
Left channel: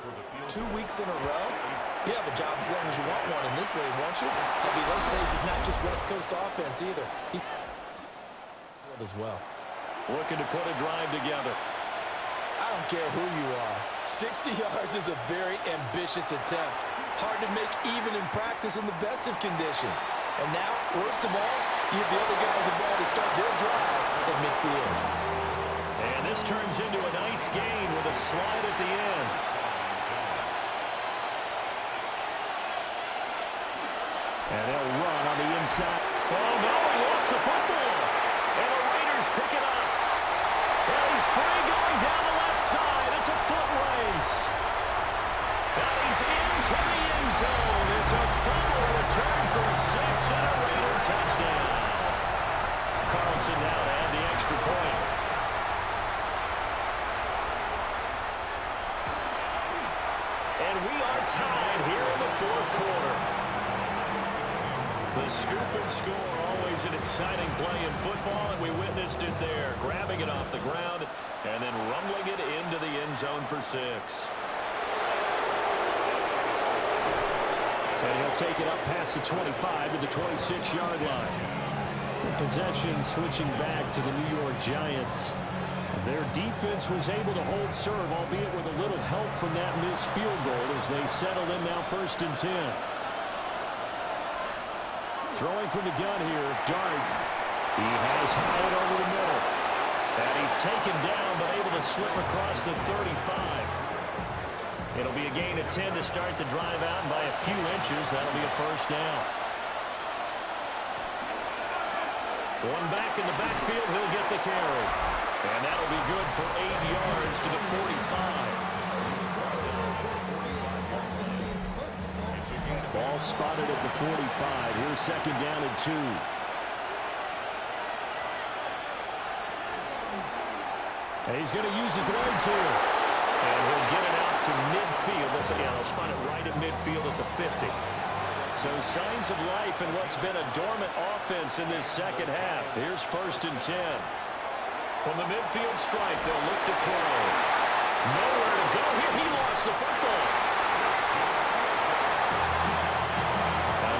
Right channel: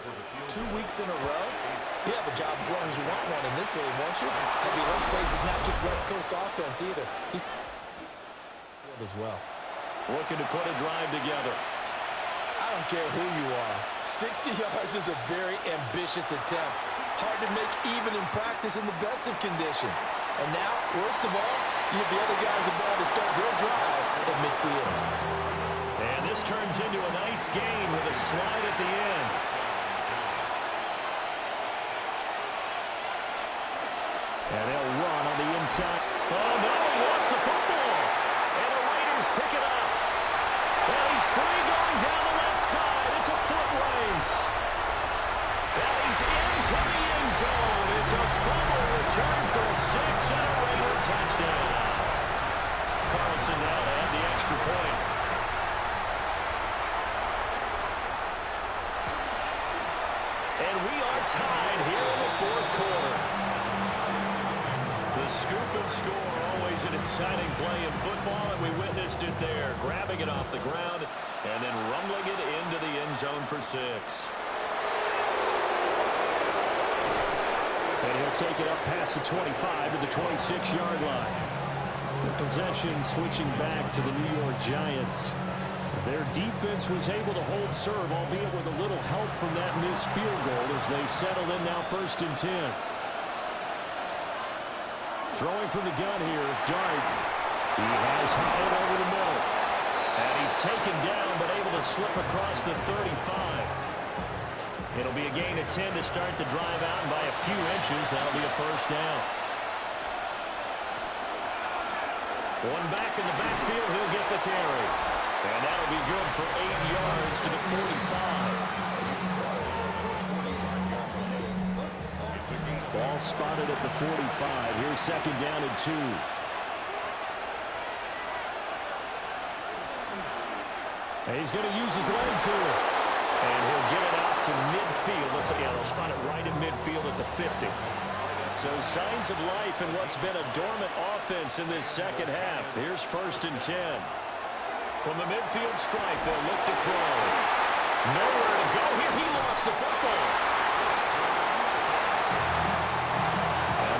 2 weeks in a row, you have a job as long as you want one in this league, won't you? I mean, let's face it, it's not just West Coast offense either. He's involved as well. Looking to put a drive together. I don't care who you are. 60 yards is a very ambitious attempt. Hard to make even in practice in the best of conditions. And now, worst of all, you have the other guys involved to start their drive at midfield. And this turns into a nice gain with a slide at the end. And they'll run on the inside. Oh, no, he lost the football. And the Raiders pick it up. And he's free going down the left side. It's a foot race. And he's into the end zone. It's a fumble return for 6 and a Raider touchdown. Carlson now to add the extra point. And we are tied here in the fourth quarter. The scoop and score, always an exciting play in football, and we witnessed it there, grabbing it off the ground and then rumbling it into the end zone for 6. And he'll take it up past the 25 to the 26-yard line. The possession switching back to the New York Giants. Their defense was able to hold serve, albeit with a little help from that missed field goal as they settled in now 1st and 10. Throwing from the gun here, Dart. He has Hyatt over the middle. And he's taken down, but able to slip across the 35. It'll be a gain of 10 to start the drive out, and by a few inches, that'll be a first down. One back in the backfield, he'll get the carry. And that'll be good for 8 yards to the 45. Ball spotted at the 45. Here's 2nd down and 2. And he's going to use his legs here. And he'll get it out to midfield. They'll spot it right at midfield at the 50. So signs of life in what's been a dormant offense in this second half. Here's 1st and 10. From the midfield stripe, they'll look to throw. Nowhere to go here. He lost the football.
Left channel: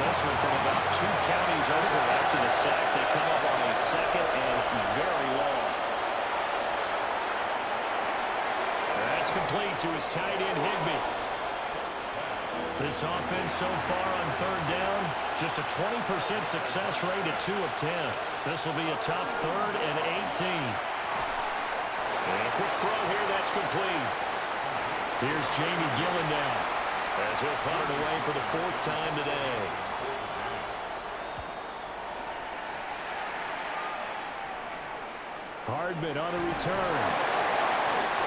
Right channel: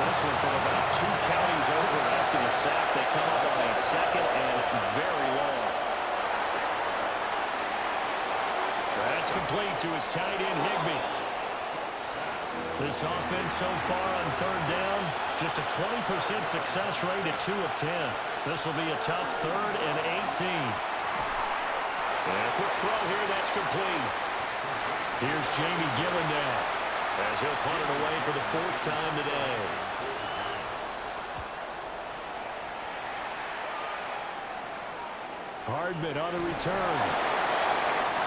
This one from about 2 counties over after the sack. They come up on a 2nd and very long. That's complete to his tight end, Higbee. This offense so far on 3rd down, just a 20% success rate at 2 of 10. This will be a tough 3rd and 18. And a quick throw here, that's complete. Here's Jamie Gillen now, as he'll punt it away for the 4th time today. Hardman on the return.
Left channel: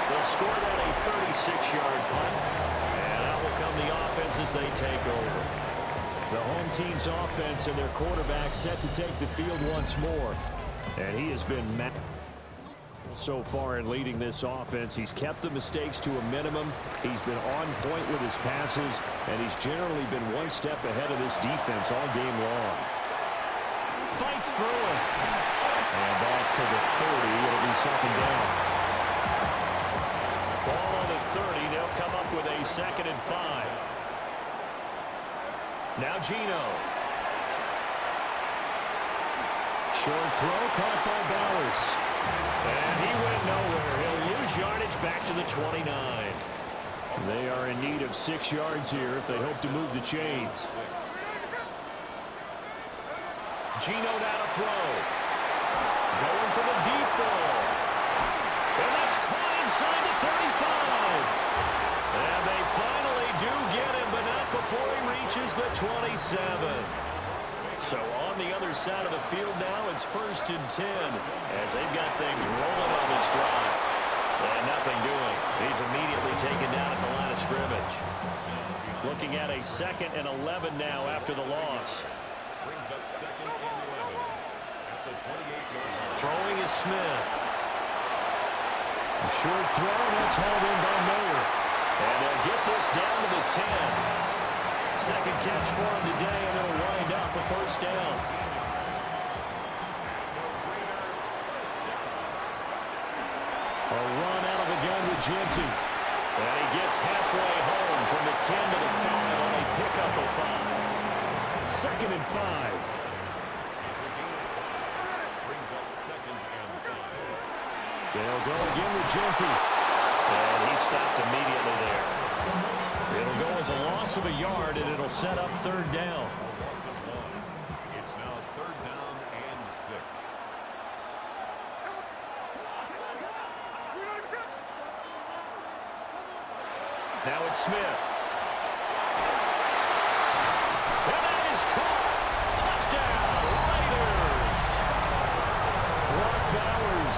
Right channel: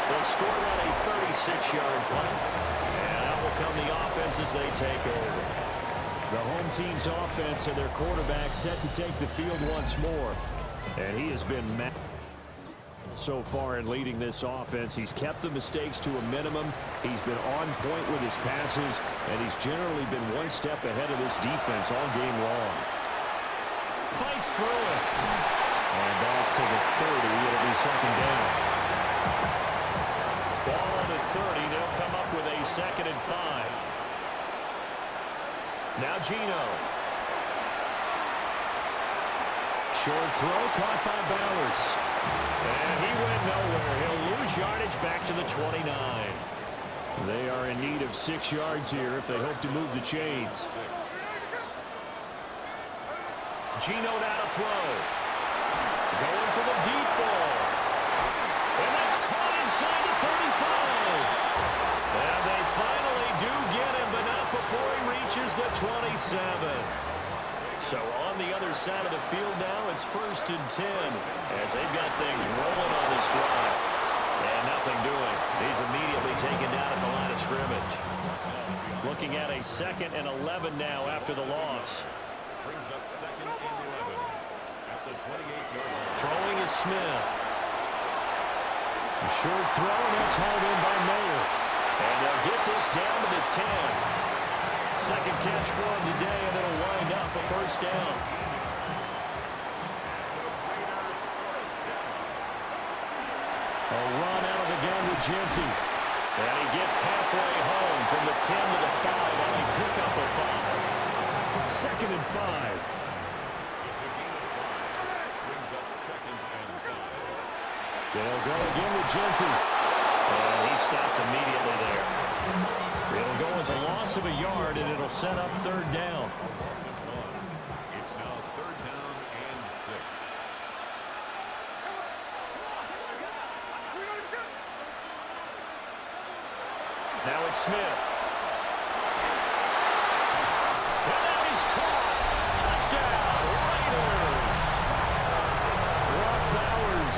They'll score that a 36-yard punt. And out will come the offense as they take over. The home team's offense and their quarterback set to take the field once more. And he has been so far in leading this offense. He's kept the mistakes to a minimum. He's been on point with his passes, and he's generally been one step ahead of this defense all game long. Fights through it. And back to the 30. It'll be 2nd down. Ball on the 30. They'll come up with a 2nd and 5. Now Geno. Short throw caught by Bowers. And he went nowhere. He'll lose yardage back to the 29. They are in need of 6 yards here if they hope to move the chains. Geno now to throw. Going for the deep ball. And that's caught inside the 35. And they finally do get him, but not before he reaches the 27. So on the other side of the field now, it's 1st and 10 as they've got things rolling on this drive. And nothing doing. He's immediately taken down at the line of scrimmage. Looking at a 2nd and 11 now after the loss. Brings up 2nd and 11 at the 28-yard line. Throwing is Smith. A short throw, and that's hauled in by Mayer. And they'll get this down to the 10. 2nd catch for him today, and it'll wind up a 1st down. A run out of the gun with Genty. And he gets halfway home from the 10 to the 5 on a pickup of 5. 2nd and 5. It's a gain of 5. Brings up 2nd and They'll go again with Genty. And he stopped immediately there. It'll go as a loss of a yard, and it'll set up third down. Loss of 1. It's now third down and 6. Now it's Smith. And that is caught. Touchdown, Raiders. Brock Bowers.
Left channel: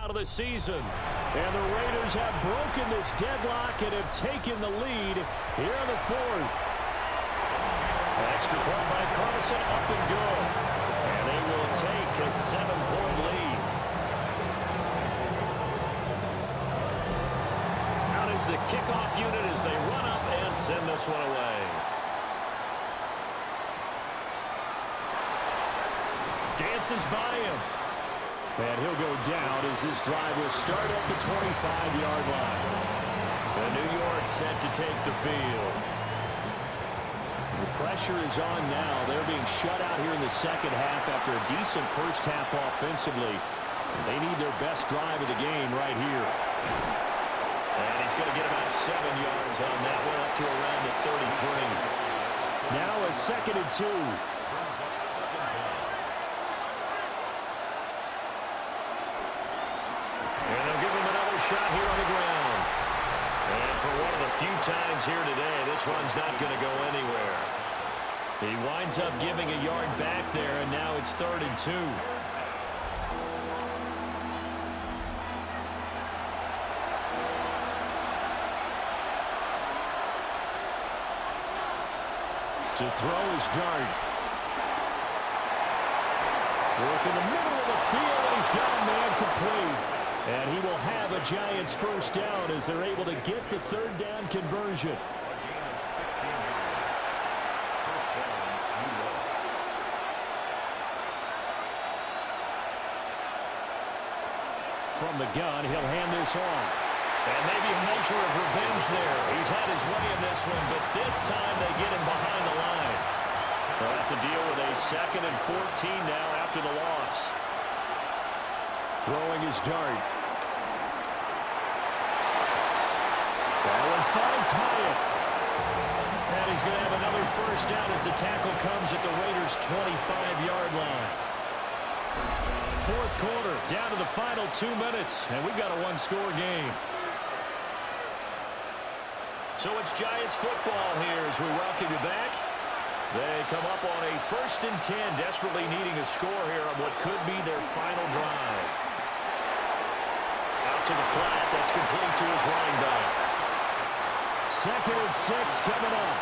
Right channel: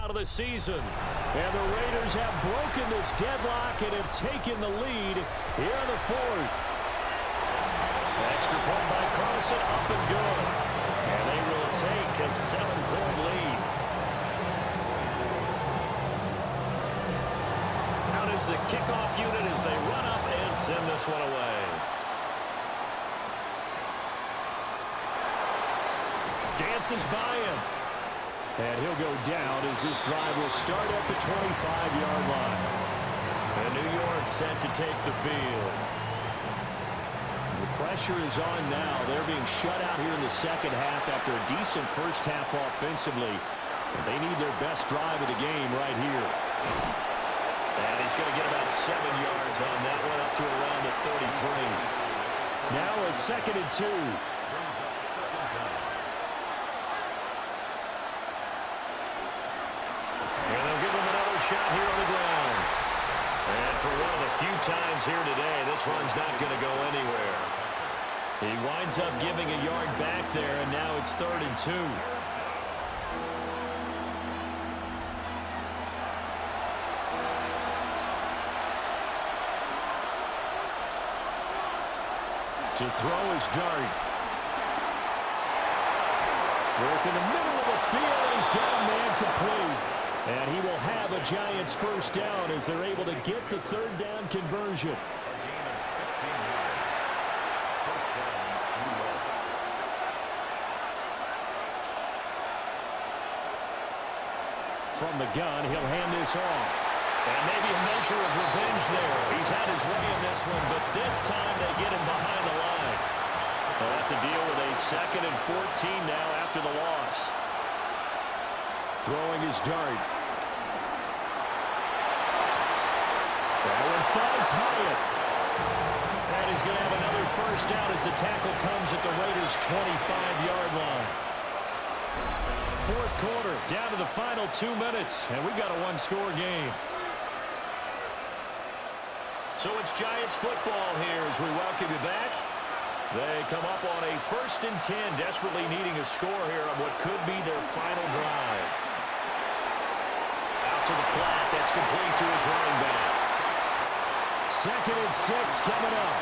Out of the season. And the Raiders have broken this deadlock and have taken the lead here in the fourth. Extra point by Carlson, up and good. And they will take a 7-point lead. Out is the kickoff unit as they run up and send this one away. Dances by him. And he'll go down as this drive will start at the 25-yard line. And New York set to take the field. The pressure is on now. They're being shut out here in the second half after a decent first half offensively. And they need their best drive of the game right here. And he's going to get about 7 yards on that one, up to around the 33. Now a 2nd and 2. Brings up second down. And they'll give him another shot here on the ground. And for one of the few times here today, this run's not going to go anywhere. He winds up giving a yard back there, and now it's 3rd and 2. To throw is Dart. Work in the middle of the field, and he's got a man complete. And he will have a Giants first down as they're able to get the 3rd down conversion. A gain of 16 yards. First down, New York. From the gun, he'll hand this off. And maybe a measure of revenge there. He's had his way in this one, but this time they get him behind the line. They'll have to deal with a 2nd and 14 now after the loss. Throwing his Dart. That one finds Hyatt. And he's going to have another first down as the tackle comes at the Raiders' 25-yard line. 4th quarter, down to the final 2 minutes, and we've got a one-score game. So it's Giants football here as we welcome you back. They come up on a 1st and 10, desperately needing a score here on what could be their final drive. Out to the flat, that's complete to his running back. 2nd and 6 coming up.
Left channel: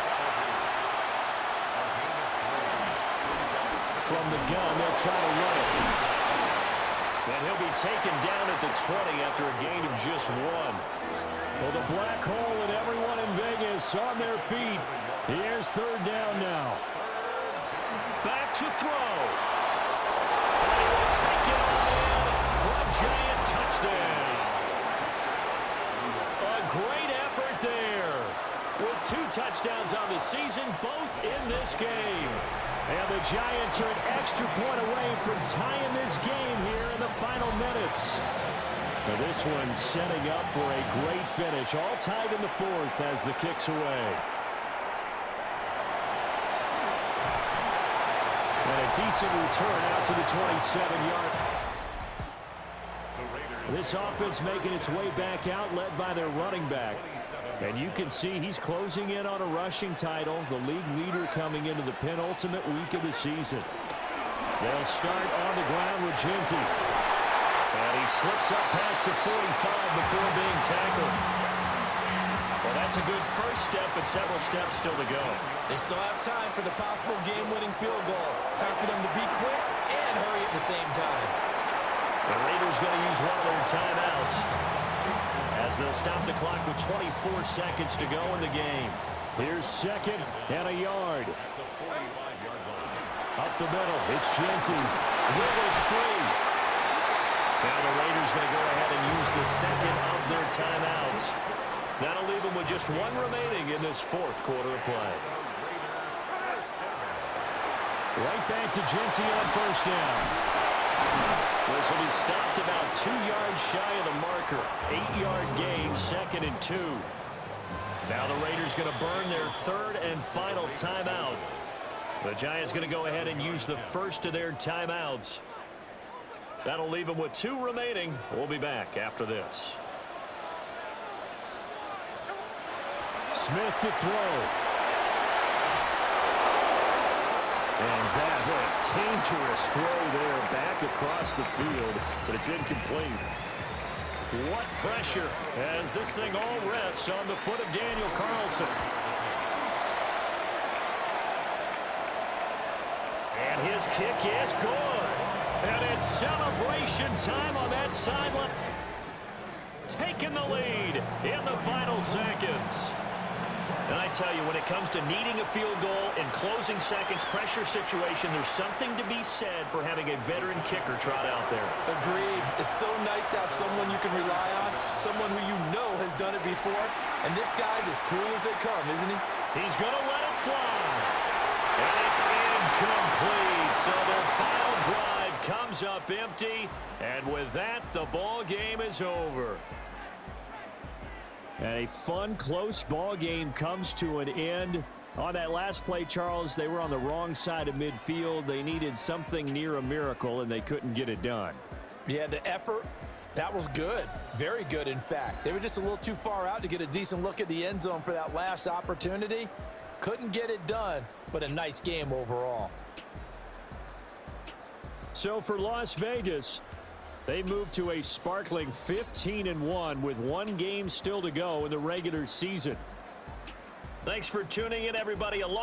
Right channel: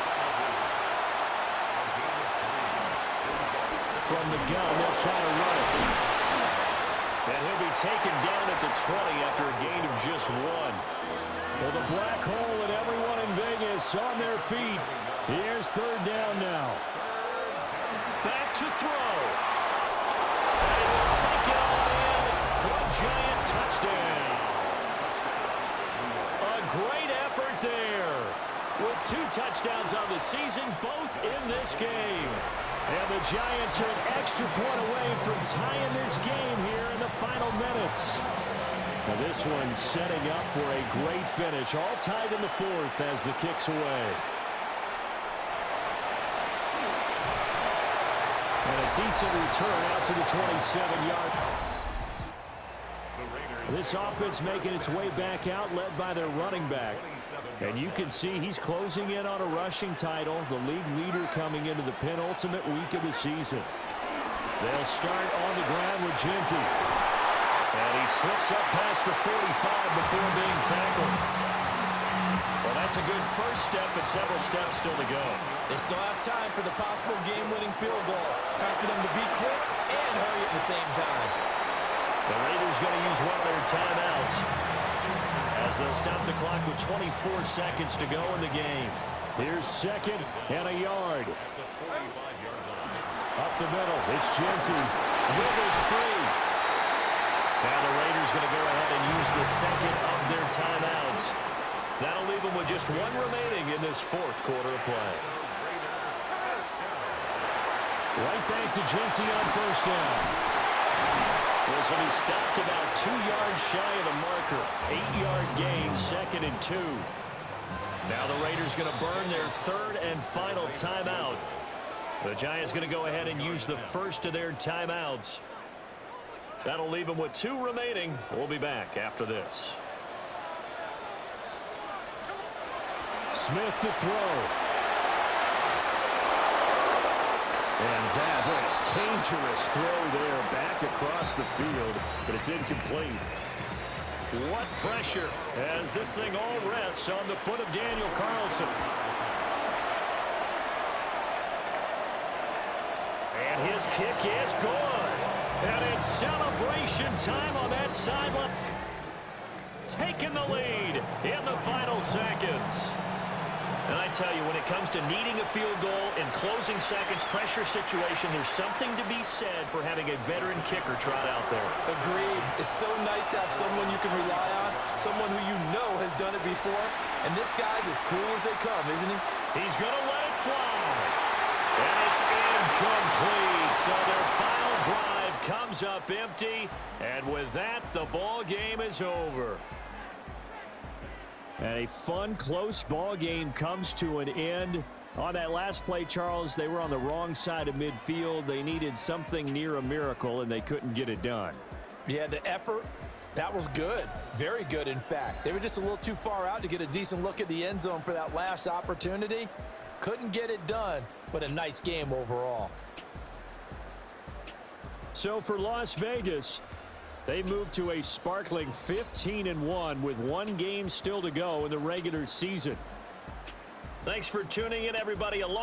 From the gun, they'll try to run it. And he'll be taken down at the 20 after a gain of just 1. Well, the black hole and everyone in Vegas on their feet. Here's 3rd down now. Back to throw. And he will take it all in for a Giant touchdown. A great effort there. With 2 touchdowns on the season, both in this game. And the Giants are an extra point away from tying this game here in the final minutes. Now this one setting up for a great finish. All tied in the 4th as the kick's away. And a decent return out to the 27-yard. This offense making its way back out, led by their running back. And you can see he's closing in on a rushing title, the league leader coming into the penultimate week of the season. They'll start on the ground with Genty. And he slips up past the 45 before being tackled. Well, that's a good first step, but several steps still to go. They still have time for the possible game-winning field goal. Time for them to be quick and hurry at the same time. The Raiders going to use one of their timeouts as they'll stop the clock with 24 seconds to go in the game. Here's 2nd and a yard. At the 45-yard line. Up the middle, it's Genty. Wiggles free. Now the Raiders going to go ahead and use the 2nd of their timeouts. That'll leave them with just 1 remaining in this 4th quarter of play. Right back to Genty on first down. This will be stopped about 2 yards shy of the marker. 8-yard gain, 2nd and 2. Now the Raiders going to burn their 3rd and final timeout. The Giants going to go ahead and use the first of their timeouts. That'll leave them with 2 remaining. We'll be back after this. Smith to throw. And that, what a dangerous throw there back across the field, but it's incomplete. What pressure as this thing all rests on the foot of Daniel Carlson. And his kick is good. And it's celebration time on that sideline. Taking the lead in the final seconds. And I tell you, when it comes to needing a field goal in closing seconds, pressure situation, there's something to be said for having a veteran kicker trot out there. Agreed. It's so nice to have someone you can rely on, someone who you know has done it before. And this guy's as cool as they come, isn't he? He's going to let it fly. And it's incomplete. So their final drive comes up empty. And with that, the ball game is over. And a fun, close ball game comes to an end. On that last play, Charles, they were on the wrong side of midfield. They needed something near a miracle, and they couldn't get it done. Yeah, the effort, that was good. Very good, in fact. They were just a little too far out to get a decent look at the end zone for that last opportunity. Couldn't get it done, but a nice game overall. So for Las Vegas, they moved to a sparkling 15-1 with 1 game still to go in the regular season. Thanks for tuning in, everybody. Along